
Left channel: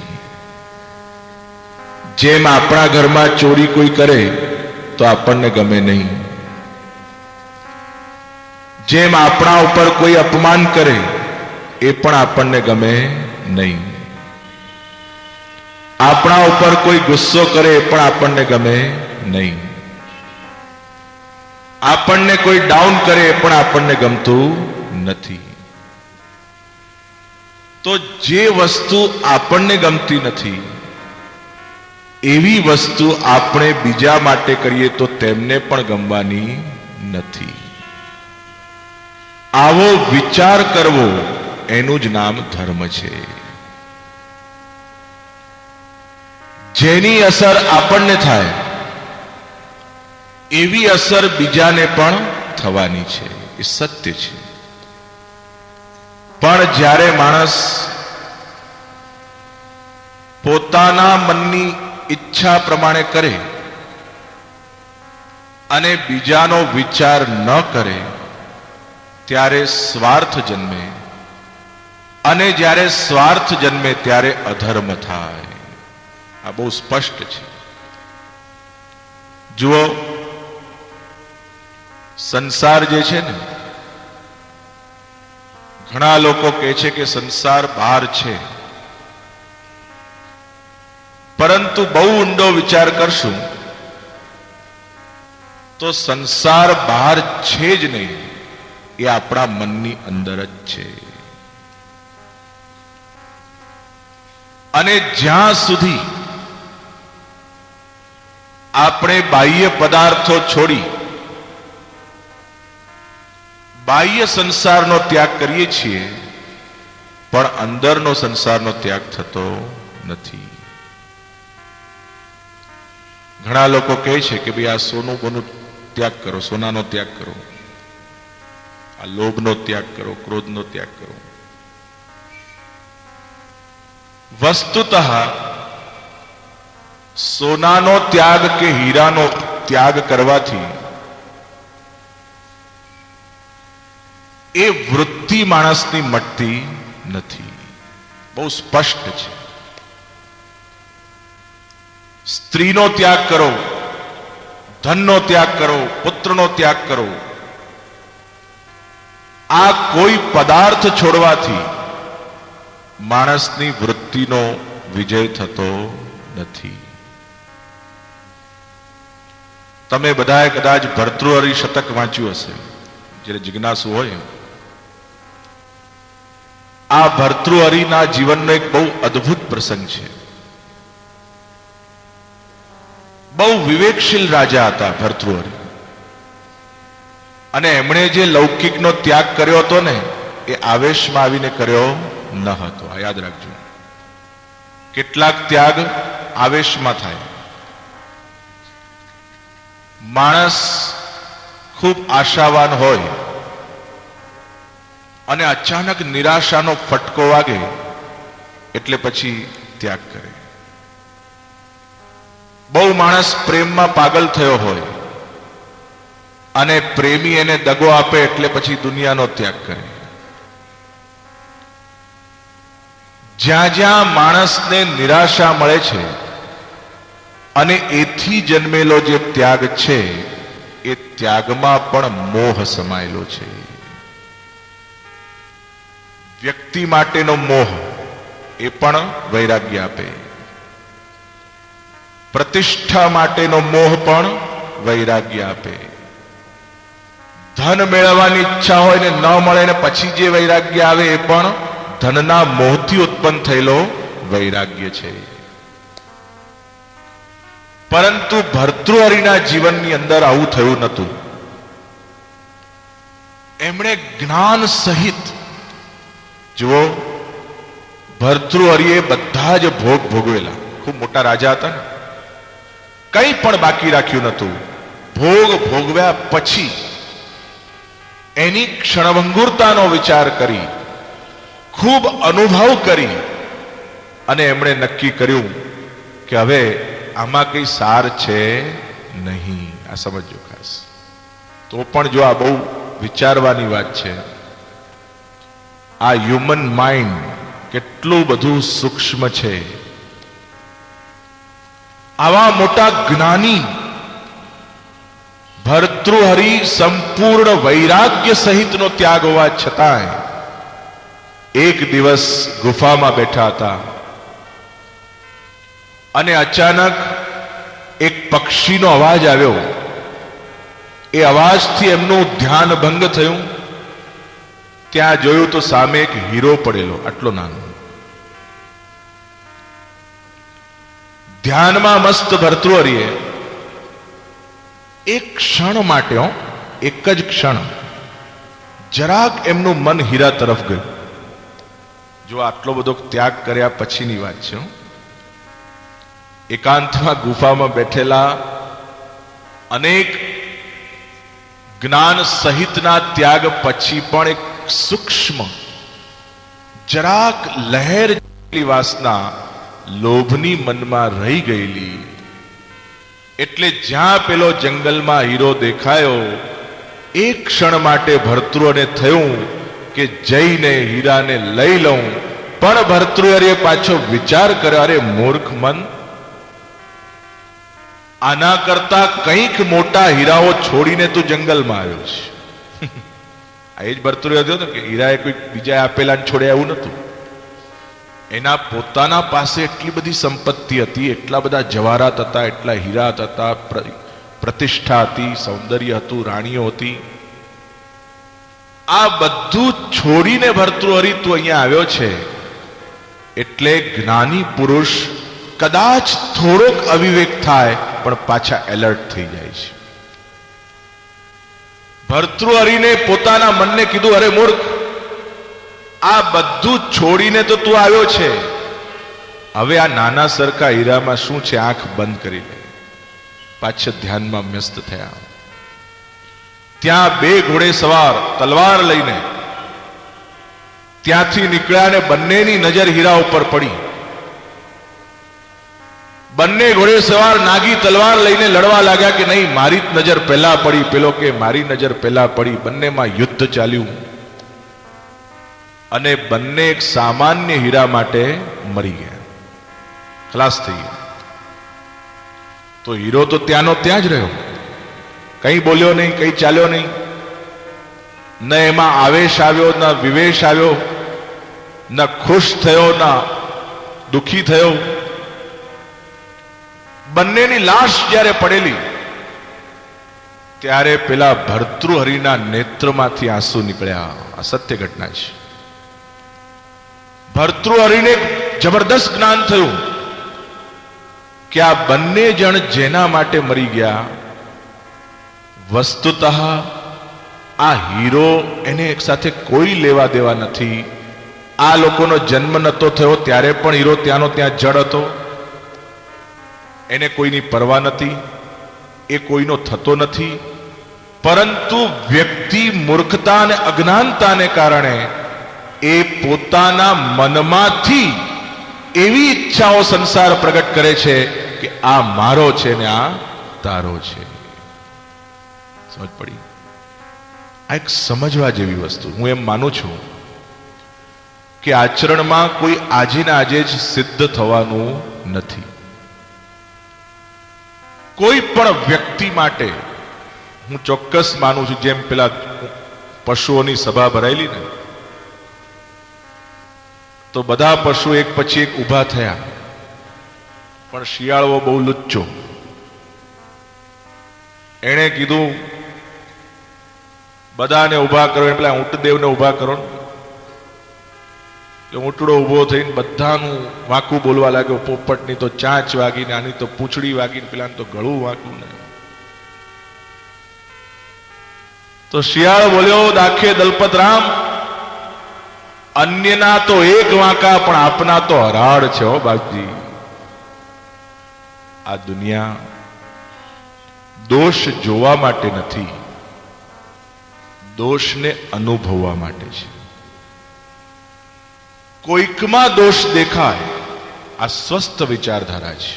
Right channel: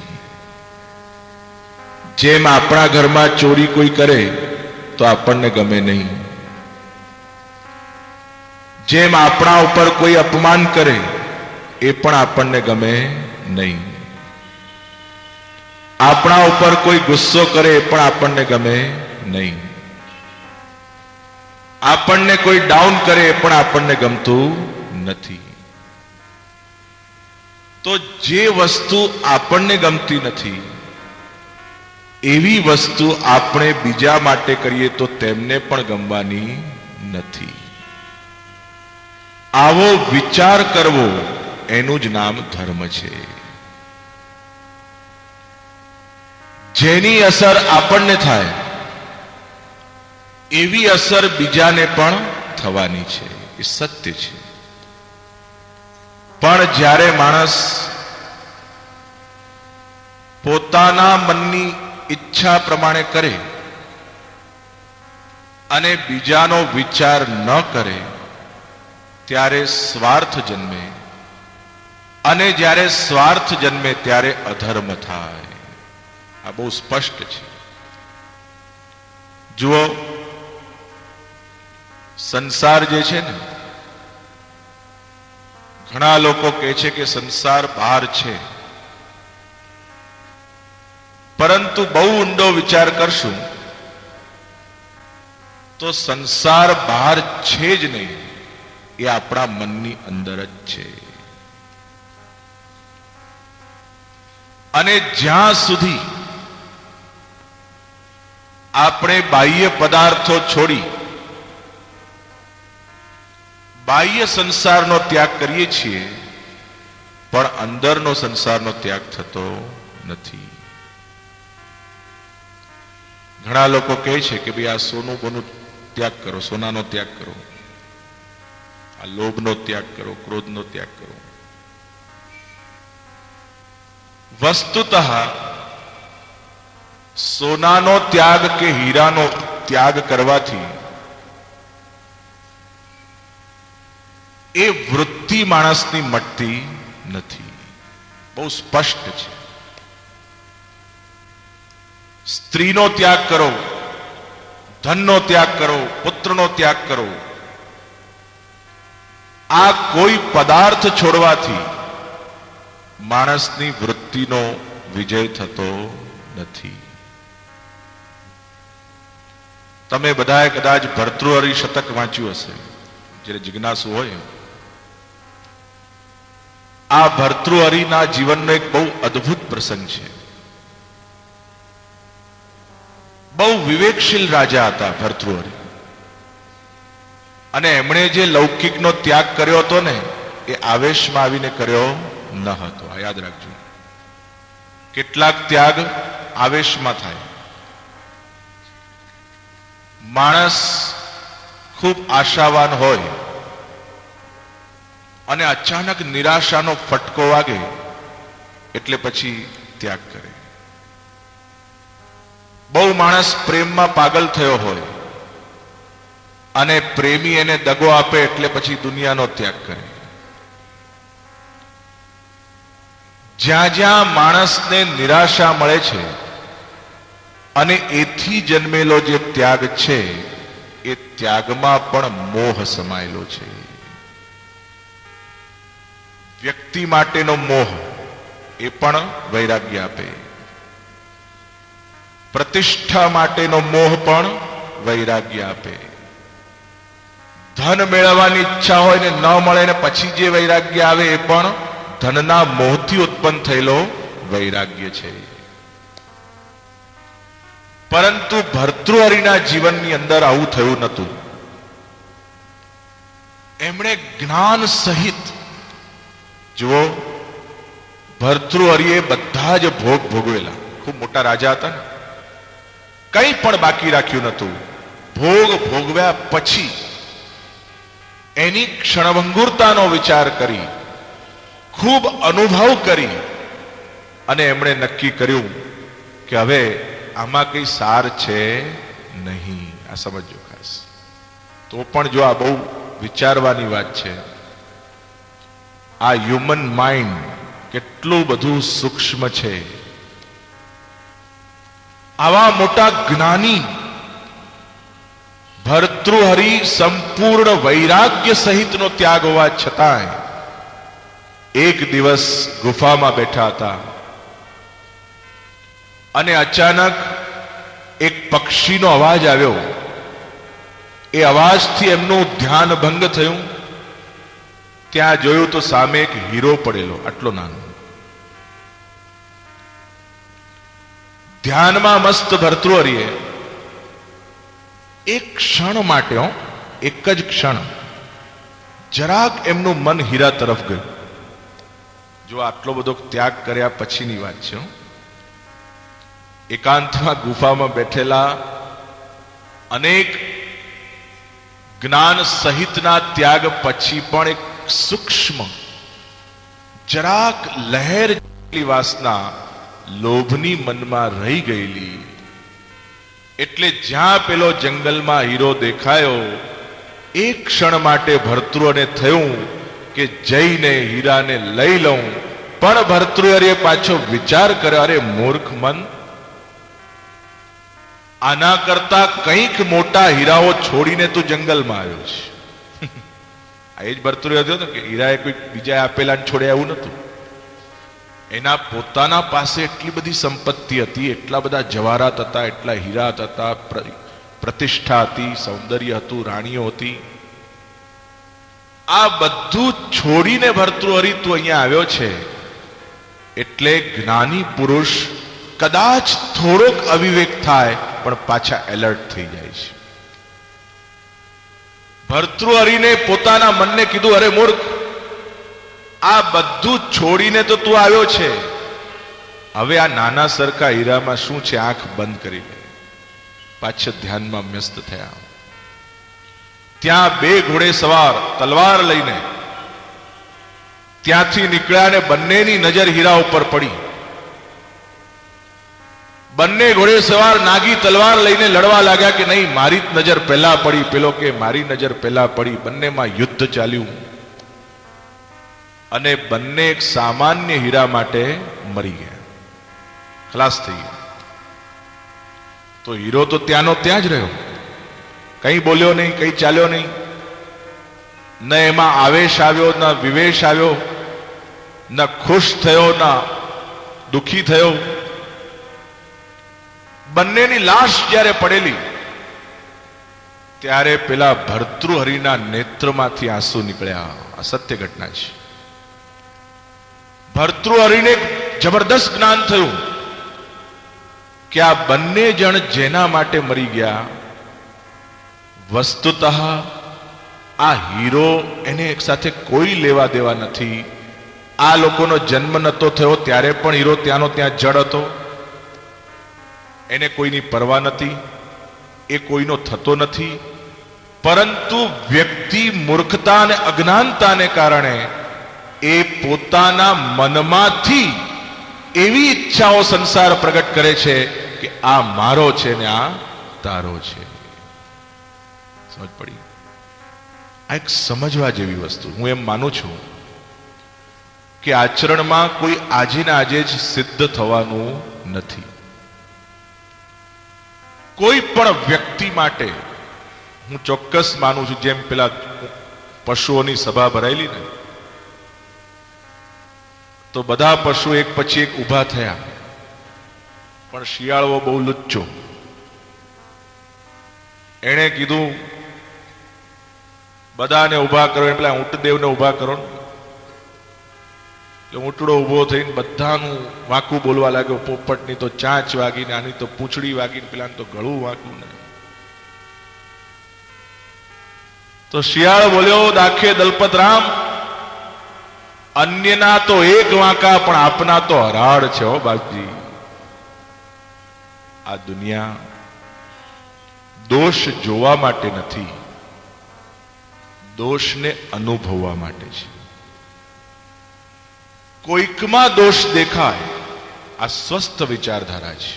જેમ આપણા ઘરમાં ચોરી કોઈ કરે તો આપણને ગમે નહીં, જેમ આપણા ઉપર કોઈ અપમાન કરે એ પણ આપણને ગમે નહીં, આપણા ઉપર કોઈ ગુસ્સો કરે એ પણ આપણને ગમે નહીં, આપણને કોઈ ડાઉન કરે એ પણ આપણને ગમતું નથી. તો જે વસ્તુ આપણને ગમતી નથી એવી વસ્તુ આપણે બીજા માટે કરીએ તો તેમને પણ ગમવાની નથી. આવો વિચાર કરવો એનું જ નામ ધર્મ છે. જેની અસર આપણને થાય એવી અસર બીજાને પણ થવાની છે. એ સત્ય છે. પણ જ્યારે માણસ પોતાના મનની ઈચ્છા પ્રમાણે કરે અને બીજાનો વિચાર ન કરે ત્યારે સ્વાર્થ જન્મે, અને જ્યારે સ્વાર્થ જન્મે ત્યારે અધર્મ થાય. આ બહુ સ્પષ્ટ છે. જુઓ, સંસાર જે છે ને, ઘણા લોકો કહે છે કે સંસાર બહાર છે, પરંતુ બહુ ઊંડો વિચાર કરશું તો સંસાર બહાર છે જ નહીં, એ આપણા મનની અંદર જ છે. અને જ્યાં સુધી આપણે બાહ્ય પદાર્થો છોડી બાહ્ય સંસારનો ત્યાગ કરીએ છીએ પણ અંદરનો સંસારનો ત્યાગ થતો નથી. ઘણા લોકો કહે છે કે ભાઈ આ સોનું બોનું ત્યાગ કરો, સોનાનો ત્યાગ કરો, આ લોભનો ત્યાગ કરો, ક્રોધનો ત્યાગ કરો. વસ્તુતઃ સોનાનો ત્યાગ કે હીરાનો ત્યાગ કરવાથી એ વૃત્તિ માણસની મટતી નથી. બહુ સ્પષ્ટ છે. સ્ત્રીનો ત્યાગ કરો, ધનનો ત્યાગ કરો, પુત્રનો ત્યાગ કરો, આ કોઈ પદાર્થ છોડવાથી માણસની વૃત્તિનો વિજય થતો નથી. તમે બધાએ કદાચ ભર્તૃહરિ શતક વાંચ્યું હશે, જ્યારે જિજ્ઞાસુ હોય. આ ભર્તૃહરિના જીવનનો એક બહુ અદ્ભુત પ્રસંગ છે. બહુ વિવેકશીલ રાજા હતા ભર્તૃહરિ, અને એમણે જે લૌકિકનો ત્યાગ કર્યો હતો ને, એ આવેશમાં આવીને કર્યો ન હતો. આ યાદ રાખજો. કેટલાક ત્યાગ આવેશમાં થાય. માણસ ખૂબ આશાવાન હોય અને અચાનક નિરાશાનો ફટકો વાગે એટલે પછી ત્યાગ કરે. બહુ માણસ પ્રેમમાં પાગલ થયો હોય અને પ્રેમી એને દગો આપે એટલે પછી દુનિયાનો ત્યાગ કરે. જ્યાં જ્યાં માણસને નિરાશા મળે છે અને એથી જન્મેલો જે ત્યાગ છે, એ ત્યાગમાં પણ મોહ સમાયેલો છે. વ્યક્તિ માટેનો મોહ એ પણ વૈરાગ્ય આપે. પ્રતિષ્ઠા માટેનો મોહ પણ વૈરાગ્ય આપે. ધન મેળવવાની ઈચ્છા હોય ને ન મળે ને પછી જે વૈરાગ્ય આવે એ પણ ધનના મોહથી ઉત્પન્ન થયેલો વૈરાગ્ય છે. પરંતુ ભર્તૃહરિના જીવનની અંદર આવું થયું નહોતું. એમણે જ્ઞાન સહિત, જુઓ, ભર્તૃહરિએ બધા જ ભોગ ભોગવેલા. ખૂબ મોટા રાજા હતા ને, કંઈ પણ બાકી રાખ્યું નહોતું. ભોગ ભોગવ્યા પછી એની ક્ષણભંગુરતાનો વિચાર કરી, ખૂબ અનુભવ કરી, અને એમણે નક્કી કર્યું કે હવે આમાં કઈ સાર છે નહીં. આ સમજો ખાસ. તો પણ જો આ બહુ વિચારવાની વાત છે. આ હ્યુમન માઇન્ડ કેટલું બધું સૂક્ષ્મ છે. આવા મોટા જ્ઞાની ભર્તૃહરિ સંપૂર્ણ વૈરાગ્ય સહિતનો ત્યાગ હોવા છતાંય એક દિવસ ગુફામાં બેઠા હતા અને અચાનક એક પક્ષીનો અવાજ આવ્યો. એ અવાજથી એમનું ધ્યાન ભંગ થયું. ત્યાં જોયું તો સામે એક હીરો પડેલો, આટલો નાનો. ધ્યાનમાં મસ્ત ભર્તૃહરિએ એક ક્ષણ માટે, એક જ ક્ષણ, જરાક એમનું મન હીરા તરફ ગયું. જો આટલો બધો ત્યાગ કર્યા પછીની વાત છે. એકાંતમાં ગુફામાં બેઠેલા અનેક જ્ઞાન સહિતના ત્યાગ પછી પણ એક સૂક્ષ્મ, જરાક લહેર જેટલી વાસના લોભની મનમાં રહી ગયેલી. એટલે જ્યાં પેલો જંગલમાં હીરો દેખાયો, એક ક્ષણ માટે ભર્તૃહરિને થયું કે જઈને હીરાને લઈ લઉં. પણ ભર્તૃહરિએ પાછો વિચાર કર્યો, અરે મૂર્ખ મન, આના કરતા કંઈક મોટા હીરાઓ છોડીને તું જંગલમાં આવ્યો છે. આ એ જ ભર્તૃહરિ હતો ને, કે હીરાએ કોઈ બીજા આપેલા છોડ્યા એવું નતું. એના પોતાના પાસે એટલી બધી સંપત્તિ હતી, એટલા બધા જવાહરાત હતા, એટલા હીરા હતા, પ્રતિષ્ઠા હતી, સૌંદર્ય હતું, રાણીઓ હતી. આ બધું છોડીને ભર્તૃહરિ તું અહીંયા આવ્યો છે. એટલે જ્ઞાની પુરુષ કદાચ થોડોક અવિવેક થાય પણ પાછા એલર્ટ થઈ જાય છે. ભર્તૃહરિને પોતાના મનને કીધું, અરે મૂર્ખ, આ બધું છોડીને તો તું આવ્યો છે. હવે આ નાના સરખા હીરામાં શું છે? આંખ બંધ કરી લે. પાછળ ધ્યાનમાં વ્યસ્ત થયા. ત્યાં બે ઘોડે સવાર તલવાર લઈને ત્યાંથી નીકળ્યા ને બંનેની નજર હીરા ઉપર પડી. બંને ઘોડે સવાર નાગી તલવાર લઈને લડવા લાગ્યા કે નહીં, મારી જ નજર પહેલા પડી, પેલો કે મારી નજર પહેલા પડી. બંનેમાં યુદ્ધ ચાલ્યું અને બંને એક સામાન્ય હીરા માટે મરી ગયા, ખલાસ થઈ ગયા. તો હીરો તો ત્યાંનો ત્યાં જ રહ્યો, કંઈ બોલ્યો નહીં, કંઈ ચાલ્યો નહીં. ન એમાં આવેશ આવ્યો, ન વિવેશ આવ્યો, ન ખુશ થયો, ન દુઃખી થયો. બંનેની લાશ જ્યારે પડેલી ત્યારે પેલા ભર્તૃહરિના નેત્રમાંથી આંસુ નીકળ્યા. આ સત્ય ઘટના છે. ભર્તૃહરિને જબરદસ્ત જ્ઞાન થયું કે આ બંને જણ જેના માટે મરી ગયા, વસ્તુતઃ આ હીરો એને એક સાથે કોઈ લેવા દેવા નથી. આ લોકોનો જન્મ નતો થયો ત્યારે પણ હીરો ત્યાંનો ત્યાં જડ હતો. એને કોઈની પરવા નથી, એ કોઈનો થતો નથી. પરંતુ વ્યક્તિ મૂર્ખતા અને અજ્ઞાનતાને કારણે એ પોતાના મનમાંથી એવી ઈચ્છાઓ સંસાર પ્રગટ કરે છે કે આ મારો છે ને આ તારો છે. સમજ પડી? આ એક સમજવા જેવી વસ્તુ. હું એમ માનું છું કે આચરણમાં કોઈ આજે ને આજે જ સિદ્ધ થવાનું નથી. કોઈ પણ વ્યક્તિ માટે હું ચોક્કસ માનું છું, જેમ પેલા પશુઓની સભા ભરાયેલી ને, તો બધા પશુ એક પછી એક ઊભા થયા, પણ શિયાળો બહુ લુચ્ચો. એણે કીધું બધાને ઊભા કરો, એટલે ઊંટદેવને ઊભા કરો. ઊંટડો ઊભો થઈને બધાનું વાંકું બોલવા લાગ્યો. પોપટની તો ચાંચ વાગીને, આની તો પૂંછડી વાગીને, પેલાને તો ગળું વાગ્યું ને. તો શિયાળ બોલ્યો, દાખે દલપત રામ, અન્યના તો એક વાંકા પણ આપના તો હરાડ છે હો બાપજી. આ દુનિયા દોષ જોવા માટે નથી, દોષને અનુભવવા માટે છે. કોઈકમાં દોષ દેખાય, આ સ્વસ્થ વિચારધારા છે.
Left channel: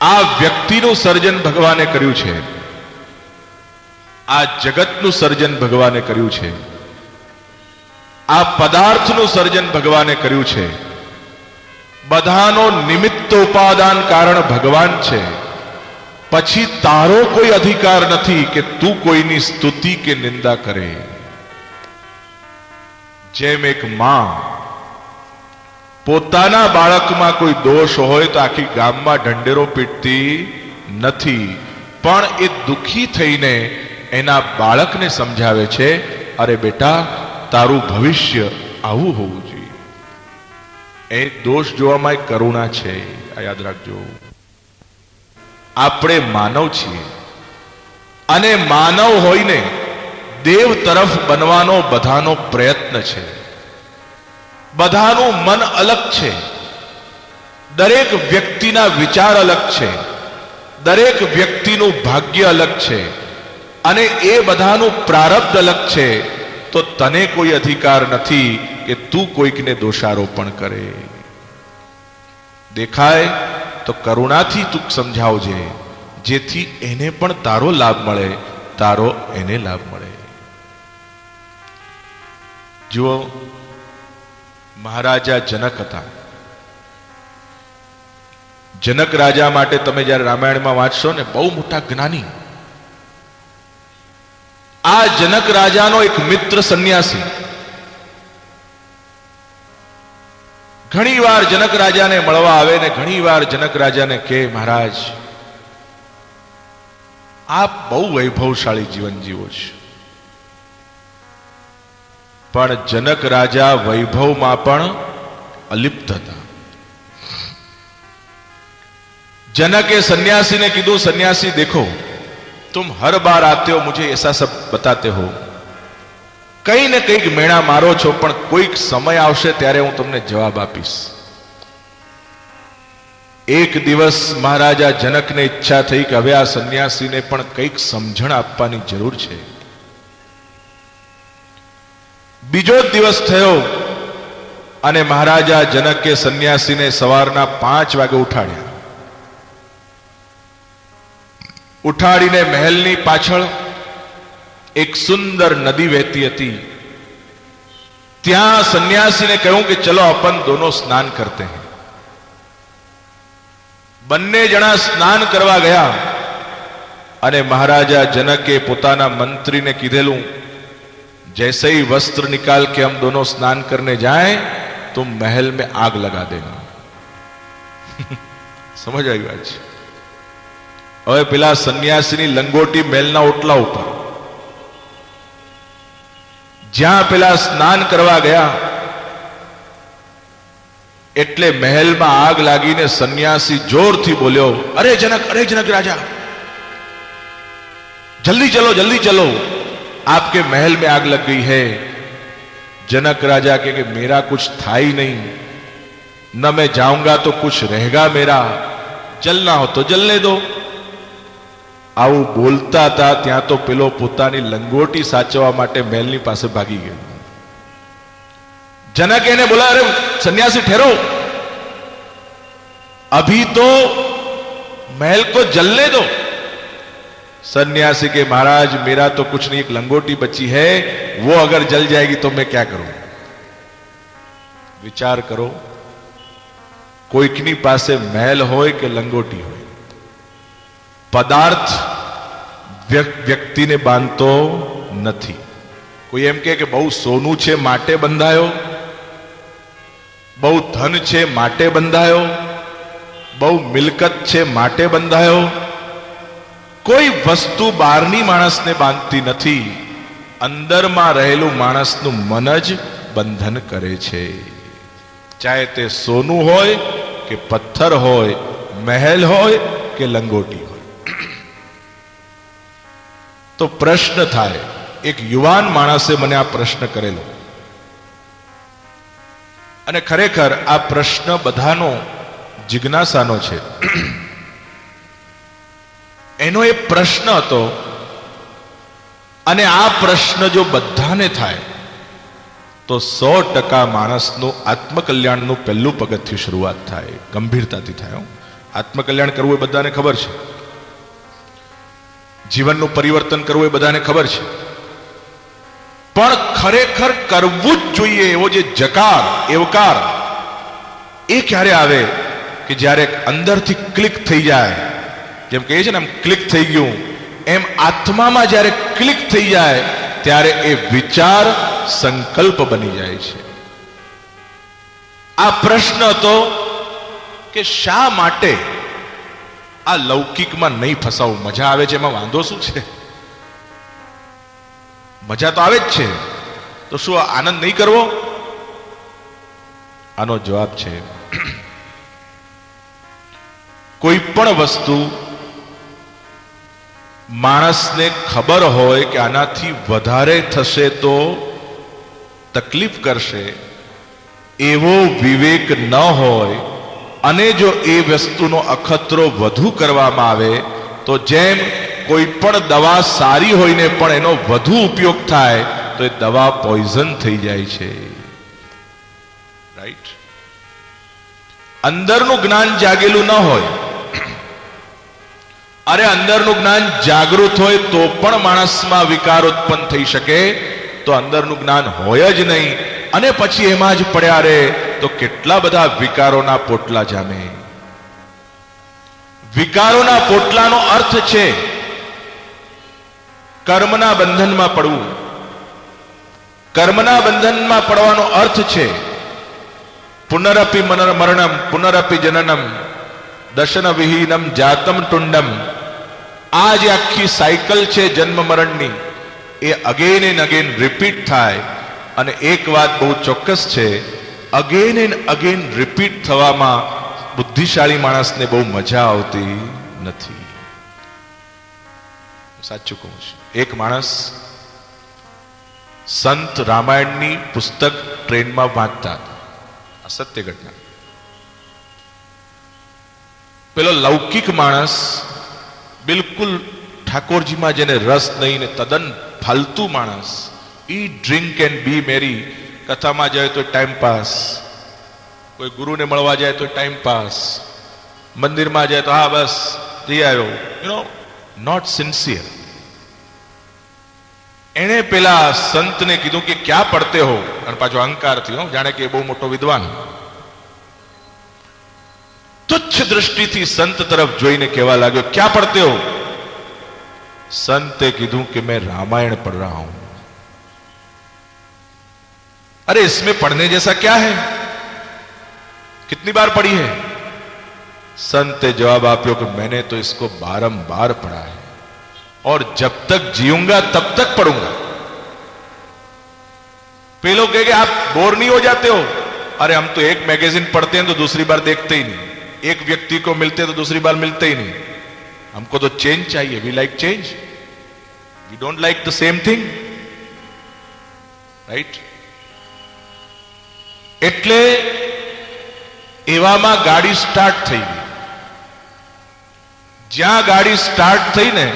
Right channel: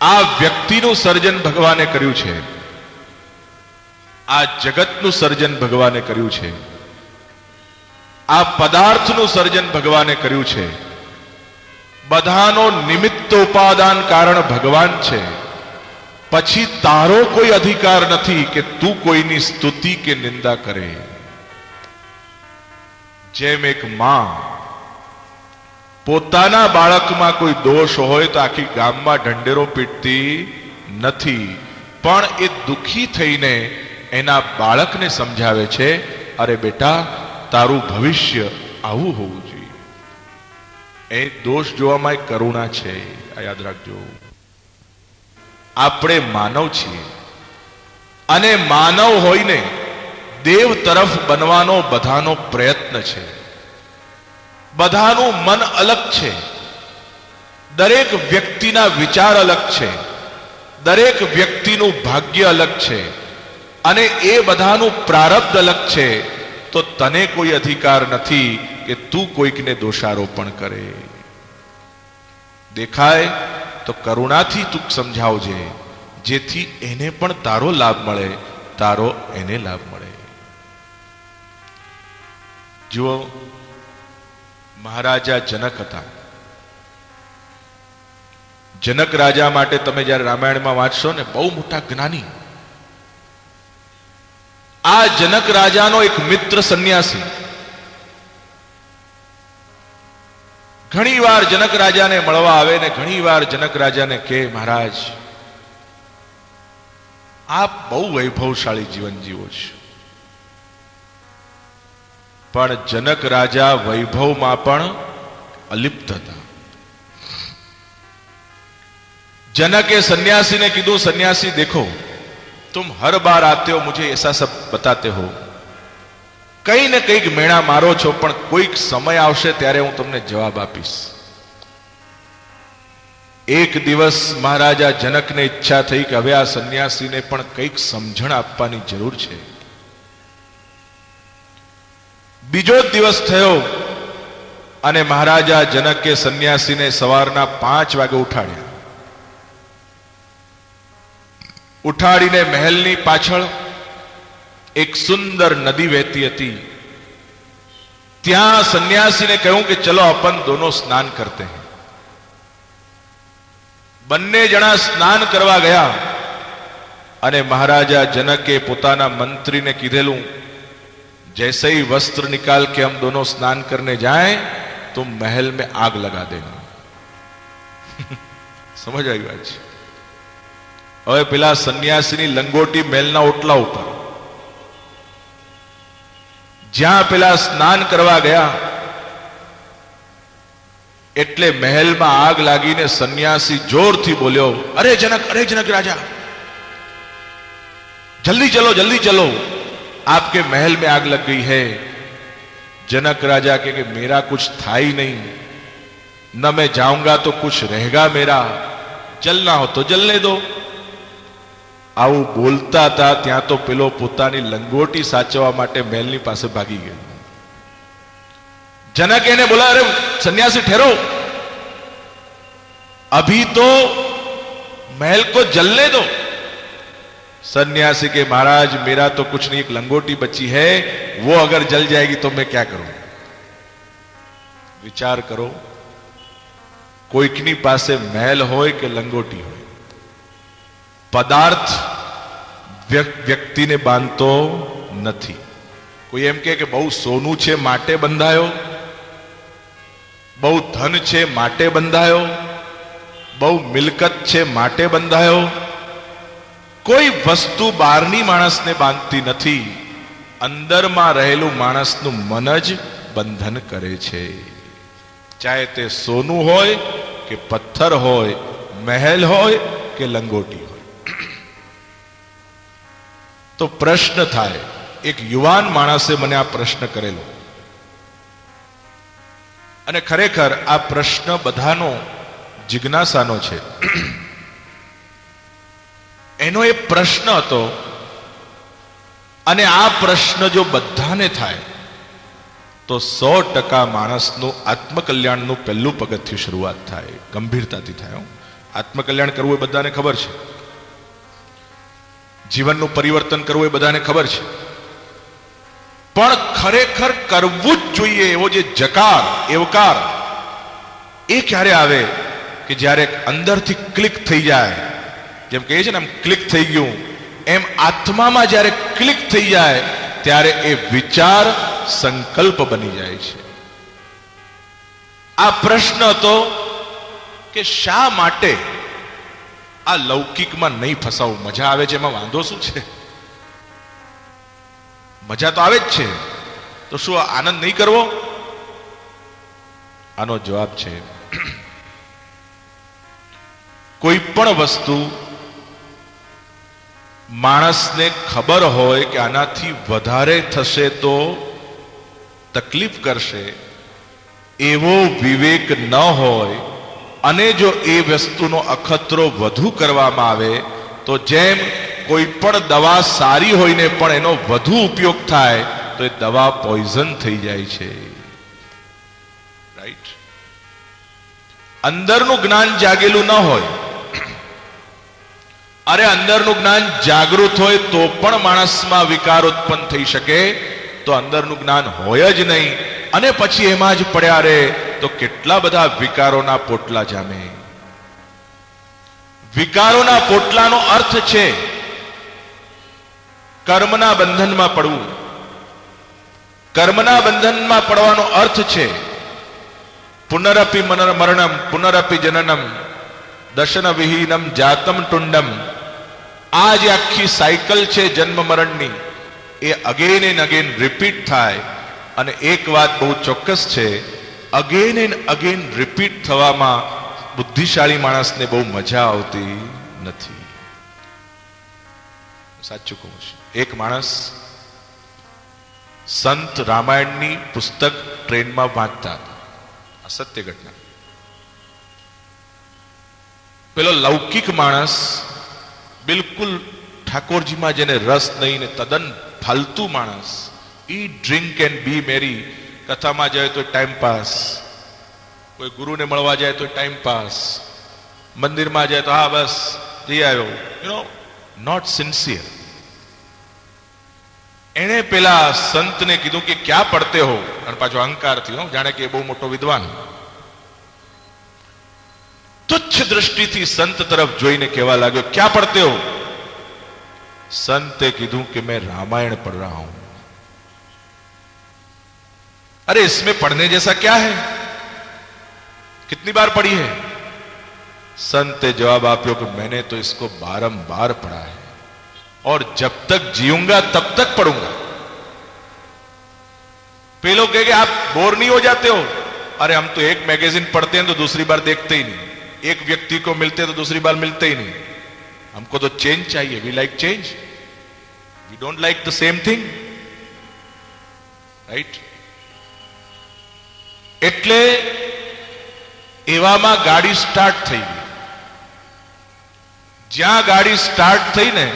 આ વ્યક્તિનું સર્જન ભગવાને કર્યું છે, આ જગતનું સર્જન ભગવાને કર્યું છે, આ પદાર્થનું સર્જન ભગવાને કર્યું છે. બધાનો નિમિત્ત ઉપાદાન કારણ ભગવાન છે. પછી તારો કોઈ અધિકાર નથી કે તું કોઈની સ્તુતિ કે નિંદા કરે. જેમ એક માં પોતાના બાળકમાં કોઈ દોષ હોય તો આખી ગામમાં ઢંઢેરો પીટતી નથી, પણ એ દુઃખી થઈને એના બાળકને સમજાવે છે, અરે બેટા, તારું ભવિષ્ય આવું હોવું જોઈએ. એ દોષ જોવામાં એક કરુણા છે. આ યાદ રાખજો. આપણે માનવ છીએ અને માનવ હોઈને દેવ તરફ બનવાનો બધાનો પ્રયત્ન છે. બધાનું મન અલગ છે, દરેક વ્યક્તિના વિચાર અલગ છે, દરેક વ્યક્તિનું ભાગ્ય અલગ છે, અને એ બધાનું પ્રારબ્ધ અલગ છે. તો તને કોઈ અધિકાર નથી કે તું કોઈકને દોષારોપણ કરે. દેખાય તો કરુણાથી તું સમજાવજે, જેથી એને પણ તારો લાભ મળે, તારો એને લાભ મળે. જુઓ, મહારાજા જનક હતા. જનક રાજા માટે તમે જ્યારે રામાયણમાં વાંચશો ને, બહુ મોટા જ્ઞાની. આ જનક રાજાનો એક મિત્ર સંન્યાસી ઘણીવાર જનક રાજાને મળવા આવે ને ઘણીવાર જનક રાજાને કહે, મહારાજ, આપ બહુ વૈભવશાળી જીવન જીવો છો. પણ જનક રાજા વૈભવમાં પણ અલિપ્ત હતા. जनक सन्यासी ने कीधु, सन्यासी देखो तुम हर बार आते हो, मुझे ऐसा सब बताते हो, कई ने कई मेणा मारो छो, पण कोईक समय आवशे त्यारे हूं तमने जवाब आपीश। एक दिवस महाराजा जनक ने इच्छा थई कि हवे आ सन्यासी ने पण कईक समझण आपवानी जरूर छे। बीजो दिवस थयो अने महाराजा जनक के सन्यासी ने सवारना 5 वागे उठाड्या। उठाड़ीने महलनी पाछळ एक सुंदर नदी वहती हती, त्यां सन्यासी ने कह्युं कि चलो अपन दोनों स्नान करते हैं। बन्ने जणा स्नान करवा गया अने महाराजा जनके पोताना मंत्री ने कीधेलुं, जैसे ही वस्त्र निकाल के हम दोनों स्नान करने जाएं तो महल में आग लगा देगा. સમજ આવી વાત છે. હવે પેલા સંન્યાસીની લંગોટી મહેલના ઓટલા ઉપર, જ્યાં પેલા સ્નાન કરવા ગયા એટલે મહેલમાં આગ લાગીને સંન્યાસી જોરથી બોલ્યો, અરે જનક રાજા, जल्दी चलो आपके महल में आग लग गई है. जनक राजा के मेरा कुछ था ही नहीं, न मैं जाऊंगा तो कुछ रहेगा मेरा, जलना हो तो जलने दो. આવું બોલતા હતા ત્યાં તો પેલો પોતાની લંગોટી સાચવવા માટે મહેલની પાસે ભાગી ગયો. जनक ने बोला, अरे सन्यासी ठहरो, अभी तो महल को जलने दो. सन्यासी के महाराज मेरा तो कुछ नहीं, एक लंगोटी बची है, वो अगर जल जाएगी तो मैं क्या करूं. विचार करो, कोईकनी पासे महल होय के लंगोटी होय, पदार्थ व्यक्तिने बांधतो નથી. કોઈ એમ કે બહુ સોનું છે માટે બંધાયો, બહુ ધન છે માટે બંધાયો, બહુ મિલકત છે માટે બંધાયો. કોઈ વસ્તુ બહારની માણસને બાંધતી નથી, અંદરમાં રહેલું માણસનું મન જ બંધન કરે છે. ચાહે તે સોનું હોય કે પથ્થર હોય, મહેલ હોય કે લંગોટી હોય. તો પ્રશ્ન થાય, એક યુવાન માણસે મને આ પ્રશ્ન કરેલો, અને ખરેખર આ પ્રશ્ન બધાનો જિજ્ઞાસાનો છે. એનો એ પ્રશ્ન હતો, અને આ પ્રશ્ન જો બધાને થાય તો 100% માણસનું આત્મકલ્યાણનું પહેલું પગથિયું શરૂઆત થાય, ગંભીરતાથી થાય. આત્મકલ્યાણ કરવું એ બધાને ખબર છે, જીવનનું પરિવર્તન કરવું એ બધાને ખબર છે, પણ ખરેખર કરવું જ જોઈએ એવો જે જકાર, એવકાર, એ ક્યારે આવે કે જ્યારે અંદરથી ક્લિક થઈ જાય. જેમ કહે છે ને, એમ ક્લિક થઈ ગયું, એમ આત્મામાં જ્યારે ક્લિક થઈ જાય ત્યારે એ વિચાર સંકલ્પ બની જાય છે. આ પ્રશ્ન હતો કે શા માટે આ લૌકિકમાં નહીં ફસાવું. મજા આવે છે, એમાં વાંધો શું છે? મજા તો આવે જ છે, તો શું આનંદ નહીં કરવો? આનો જવાબ છે, કોઈ પણ વસ્તુ માણસને ખબર હોય કે આનાથી વધારે થશે તો તકલીફ કરશે, એવો વિવેક ન હોય, અને જો એ વસ્તુનો અખતરો વધુ કરવામાં આવે તો જેમ કોઈ પણ દવા સારી હોઈને પણ એનો વધુ ઉપયોગ થાય તો એ દવા પોઈઝન થઈ જાય છે. રાઈટ? અંદરનું જ્ઞાન જાગેલું ન હોય, અરે અંદરનું જ્ઞાન જાગૃત હોય તો પણ માણસમાં વિકાર ઉત્પન્ન થઈ શકે, તો અંદરનું જ્ઞાન હોય જ નહીં અને પછી એમાં જ પડ્યા રહે તો કેટલા બધા વિકારોના પોટલા જામે. વિકારોના પોટલાનો અર્થ છે કર્મના બંધનમાં પડવું. કર્મના બંધનમાં પડવાનો અર્થ છે પુનરપી મરણમ પુનરપી જનનમ દશન વિહીનમ જાતમ ટુંડમ. આ જે આખી સાયકલ છે જન્મ મરણની, એ અગેન એન્ડ અગેન રિપીટ થાય. અને એક વાત બહુ ચોક્કસ છે, અગેન એન્ડ અગેન રિપીટ થવામાં બુદ્ધિશાળી માણસને બહુ મજા આવતી નથી. સાચું કહું છું. એક માણસ સંત રામાયણની પુસ્તક ટ્રેનમાં વાંચતા હતા. આ સત્ય ઘટના. પેલો લૌકિક માણસ, બિલકુલ ઠાકોરજીમાં જેને રસ નહીં ને તદ્દન ફાલતુ માણસ, ઈટ ડ્રિંક એન્ડ બી મેરી, કથામાં જાય તો ટાઈમ પાસ, કોઈ ગુરુને મળવા જાય તો ટાઈમ પાસ, મંદિરમાં જાય તો હા બસ જઈ આવ્યો, નોટ સિન્સિયર. એણે પેલા સંતને કીધું કે ક્યાં પડતે હો, અને પાછો અહંકારથી, જાણે કે બહુ મોટો વિદ્વાન. તુચ્છ દૃષ્ટિથી સંત તરફ જોઈને કહેવા લાગ્યો, ક્યાં પડતે હો? संत કીધું कि मैं रामायण पढ़ रहा हूं. अरे इसमें पढ़ने जैसा क्या है? कितनी बार पढ़ी है? संत ने जवाब आप्यो कि मैंने तो इसको बारंबार पढ़ा है और जब तक जीऊंगा तब तक पढ़ूंगा। पे लोग कहे आप बोर नहीं हो जाते हो? अरे हम तो एक मैगजीन पढ़ते हैं तो दूसरी बार देखते ही नहीं, एक व्यक्ति को मिलते तो दूसरी बार मिलते ही नहीं। हमको तो चेंज चाहिए। We like change, we don't like the same thing, right? એટલે એવામાં ગાડી સ્ટાર્ટ થઈ ગઈ. જ્યાં ગાડી સ્ટાર્ટ થઈ ને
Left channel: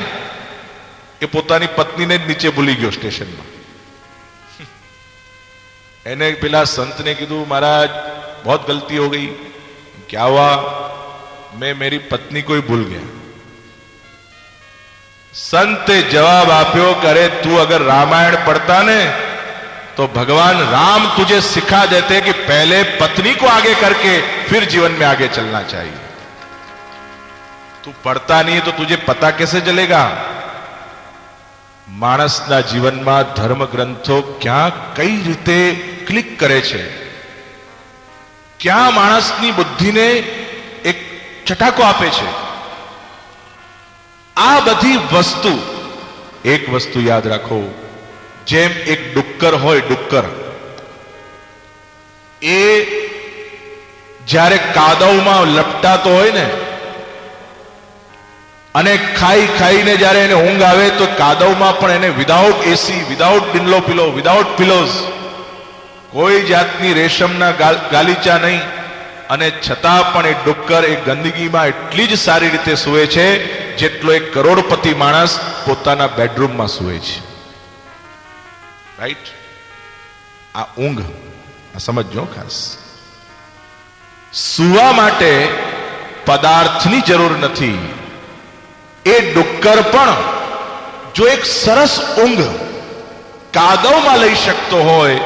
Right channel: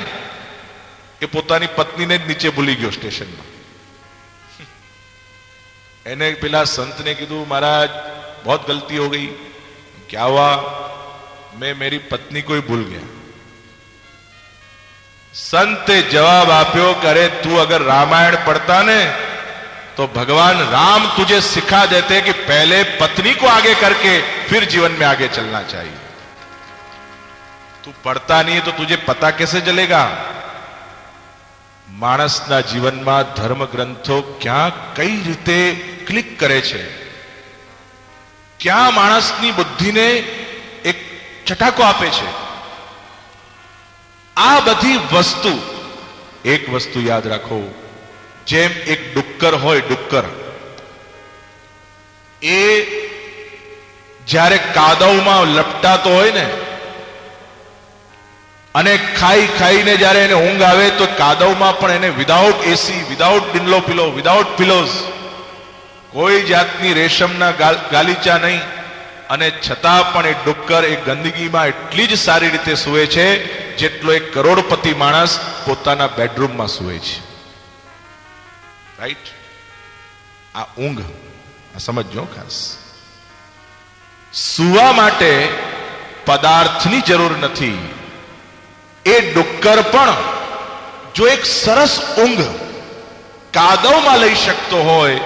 એ પોતાની પત્નીને જ નીચે ભૂલી ગયો સ્ટેશનમાં. એને પેલા સંતને કીધું महाराज बहुत गलती हो गई. क्या हुआ? मैं मेरी पत्नी को ही भूल गया. संते जवाब आप्यो करे तू अगर रामायण पढ़ता ने तो भगवान राम तुझे सिखा देते कि पहले पत्नी को आगे करके फिर जीवन में आगे चलना चाहिए. तू पढ़ता नहीं तो तुझे पता कैसे चलेगा? मानसना जीवन में धर्म ग्रंथो क्या कई रीते क्लिक करे छे, क्या मानसनी बुद्धि ने एक चटाको आपे छे. आ बधी वस्तु, एक वस्तु याद रखो, जेम एक डुक्कर होय, डुक्कर ए જ્યારે કાદવમાં લપટાતો હોય ને અને ખાઈ ખાઈને જ્યારે એને ઊંઘ આવે તો કાદવમાં પણ એને વિધાઉટ એસી, વિધાઉટ બિલ્લો પિલો, વિધાઉટ પિલોઝ, કોઈ જાતની રેશમના ગાલીચા નહીં, અને છતાં પણ એ ડુક્કર એ ગંદકીમાં એટલી જ સારી રીતે સૂવે છે જેટલો એક કરોડપતિ માણસ પોતાના બેડરૂમમાં સૂવે છે. રાઈટ? આ ઊંઘ, આ સમજો ખાસ. સૂવા માટે પદાર્થની જરૂર નથી. એ ડુક્કર પણ જો એક સરસ ઊંઘ કાદવમાં લઈ શકતો હોય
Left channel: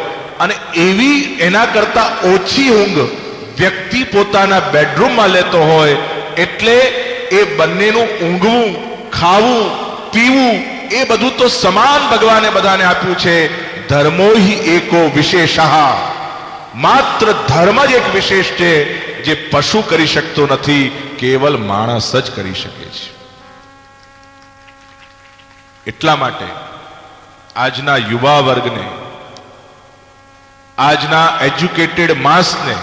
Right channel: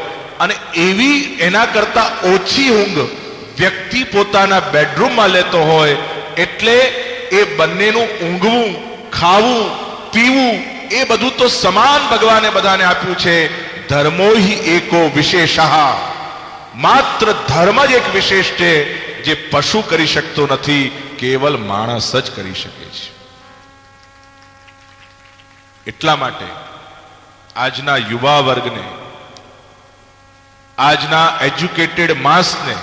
અને એવી એના કરતા ઓછી ઊંઘ વ્યક્તિ પોતાના બેડરૂમમાં લેતો હોય, એટલે એ બંનેનું ઊંઘવું, ખાવું, પીવું એ બધું તો સમાન ભગવાને બધાને આપ્યું છે. ધર્મો હિ એકો વિશેષઃ, માત્ર ધર્મ જ એક વિશેષ છે જે પશુ કરી શકતો નથી, કેવલ માણસ જ કરી શકે છે. એટલા માટે આજના યુવા વર્ગને, આજના એજ્યુકેટેડ માસને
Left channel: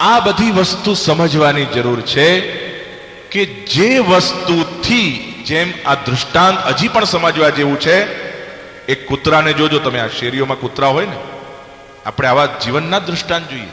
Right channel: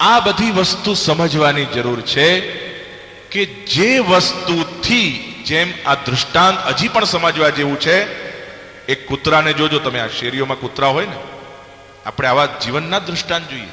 આ બધી વસ્તુ સમજવાની જરૂર છે કે જે વસ્તુથી, જેમ આ દૃષ્ટાંત હજી પણ સમજવા જેવું છે. એક કૂતરાને જોજો તમે, આ શેરીઓમાં કૂતરા હોય ને, આપણે આવા જીવનના દૃષ્ટાંત જોઈએ.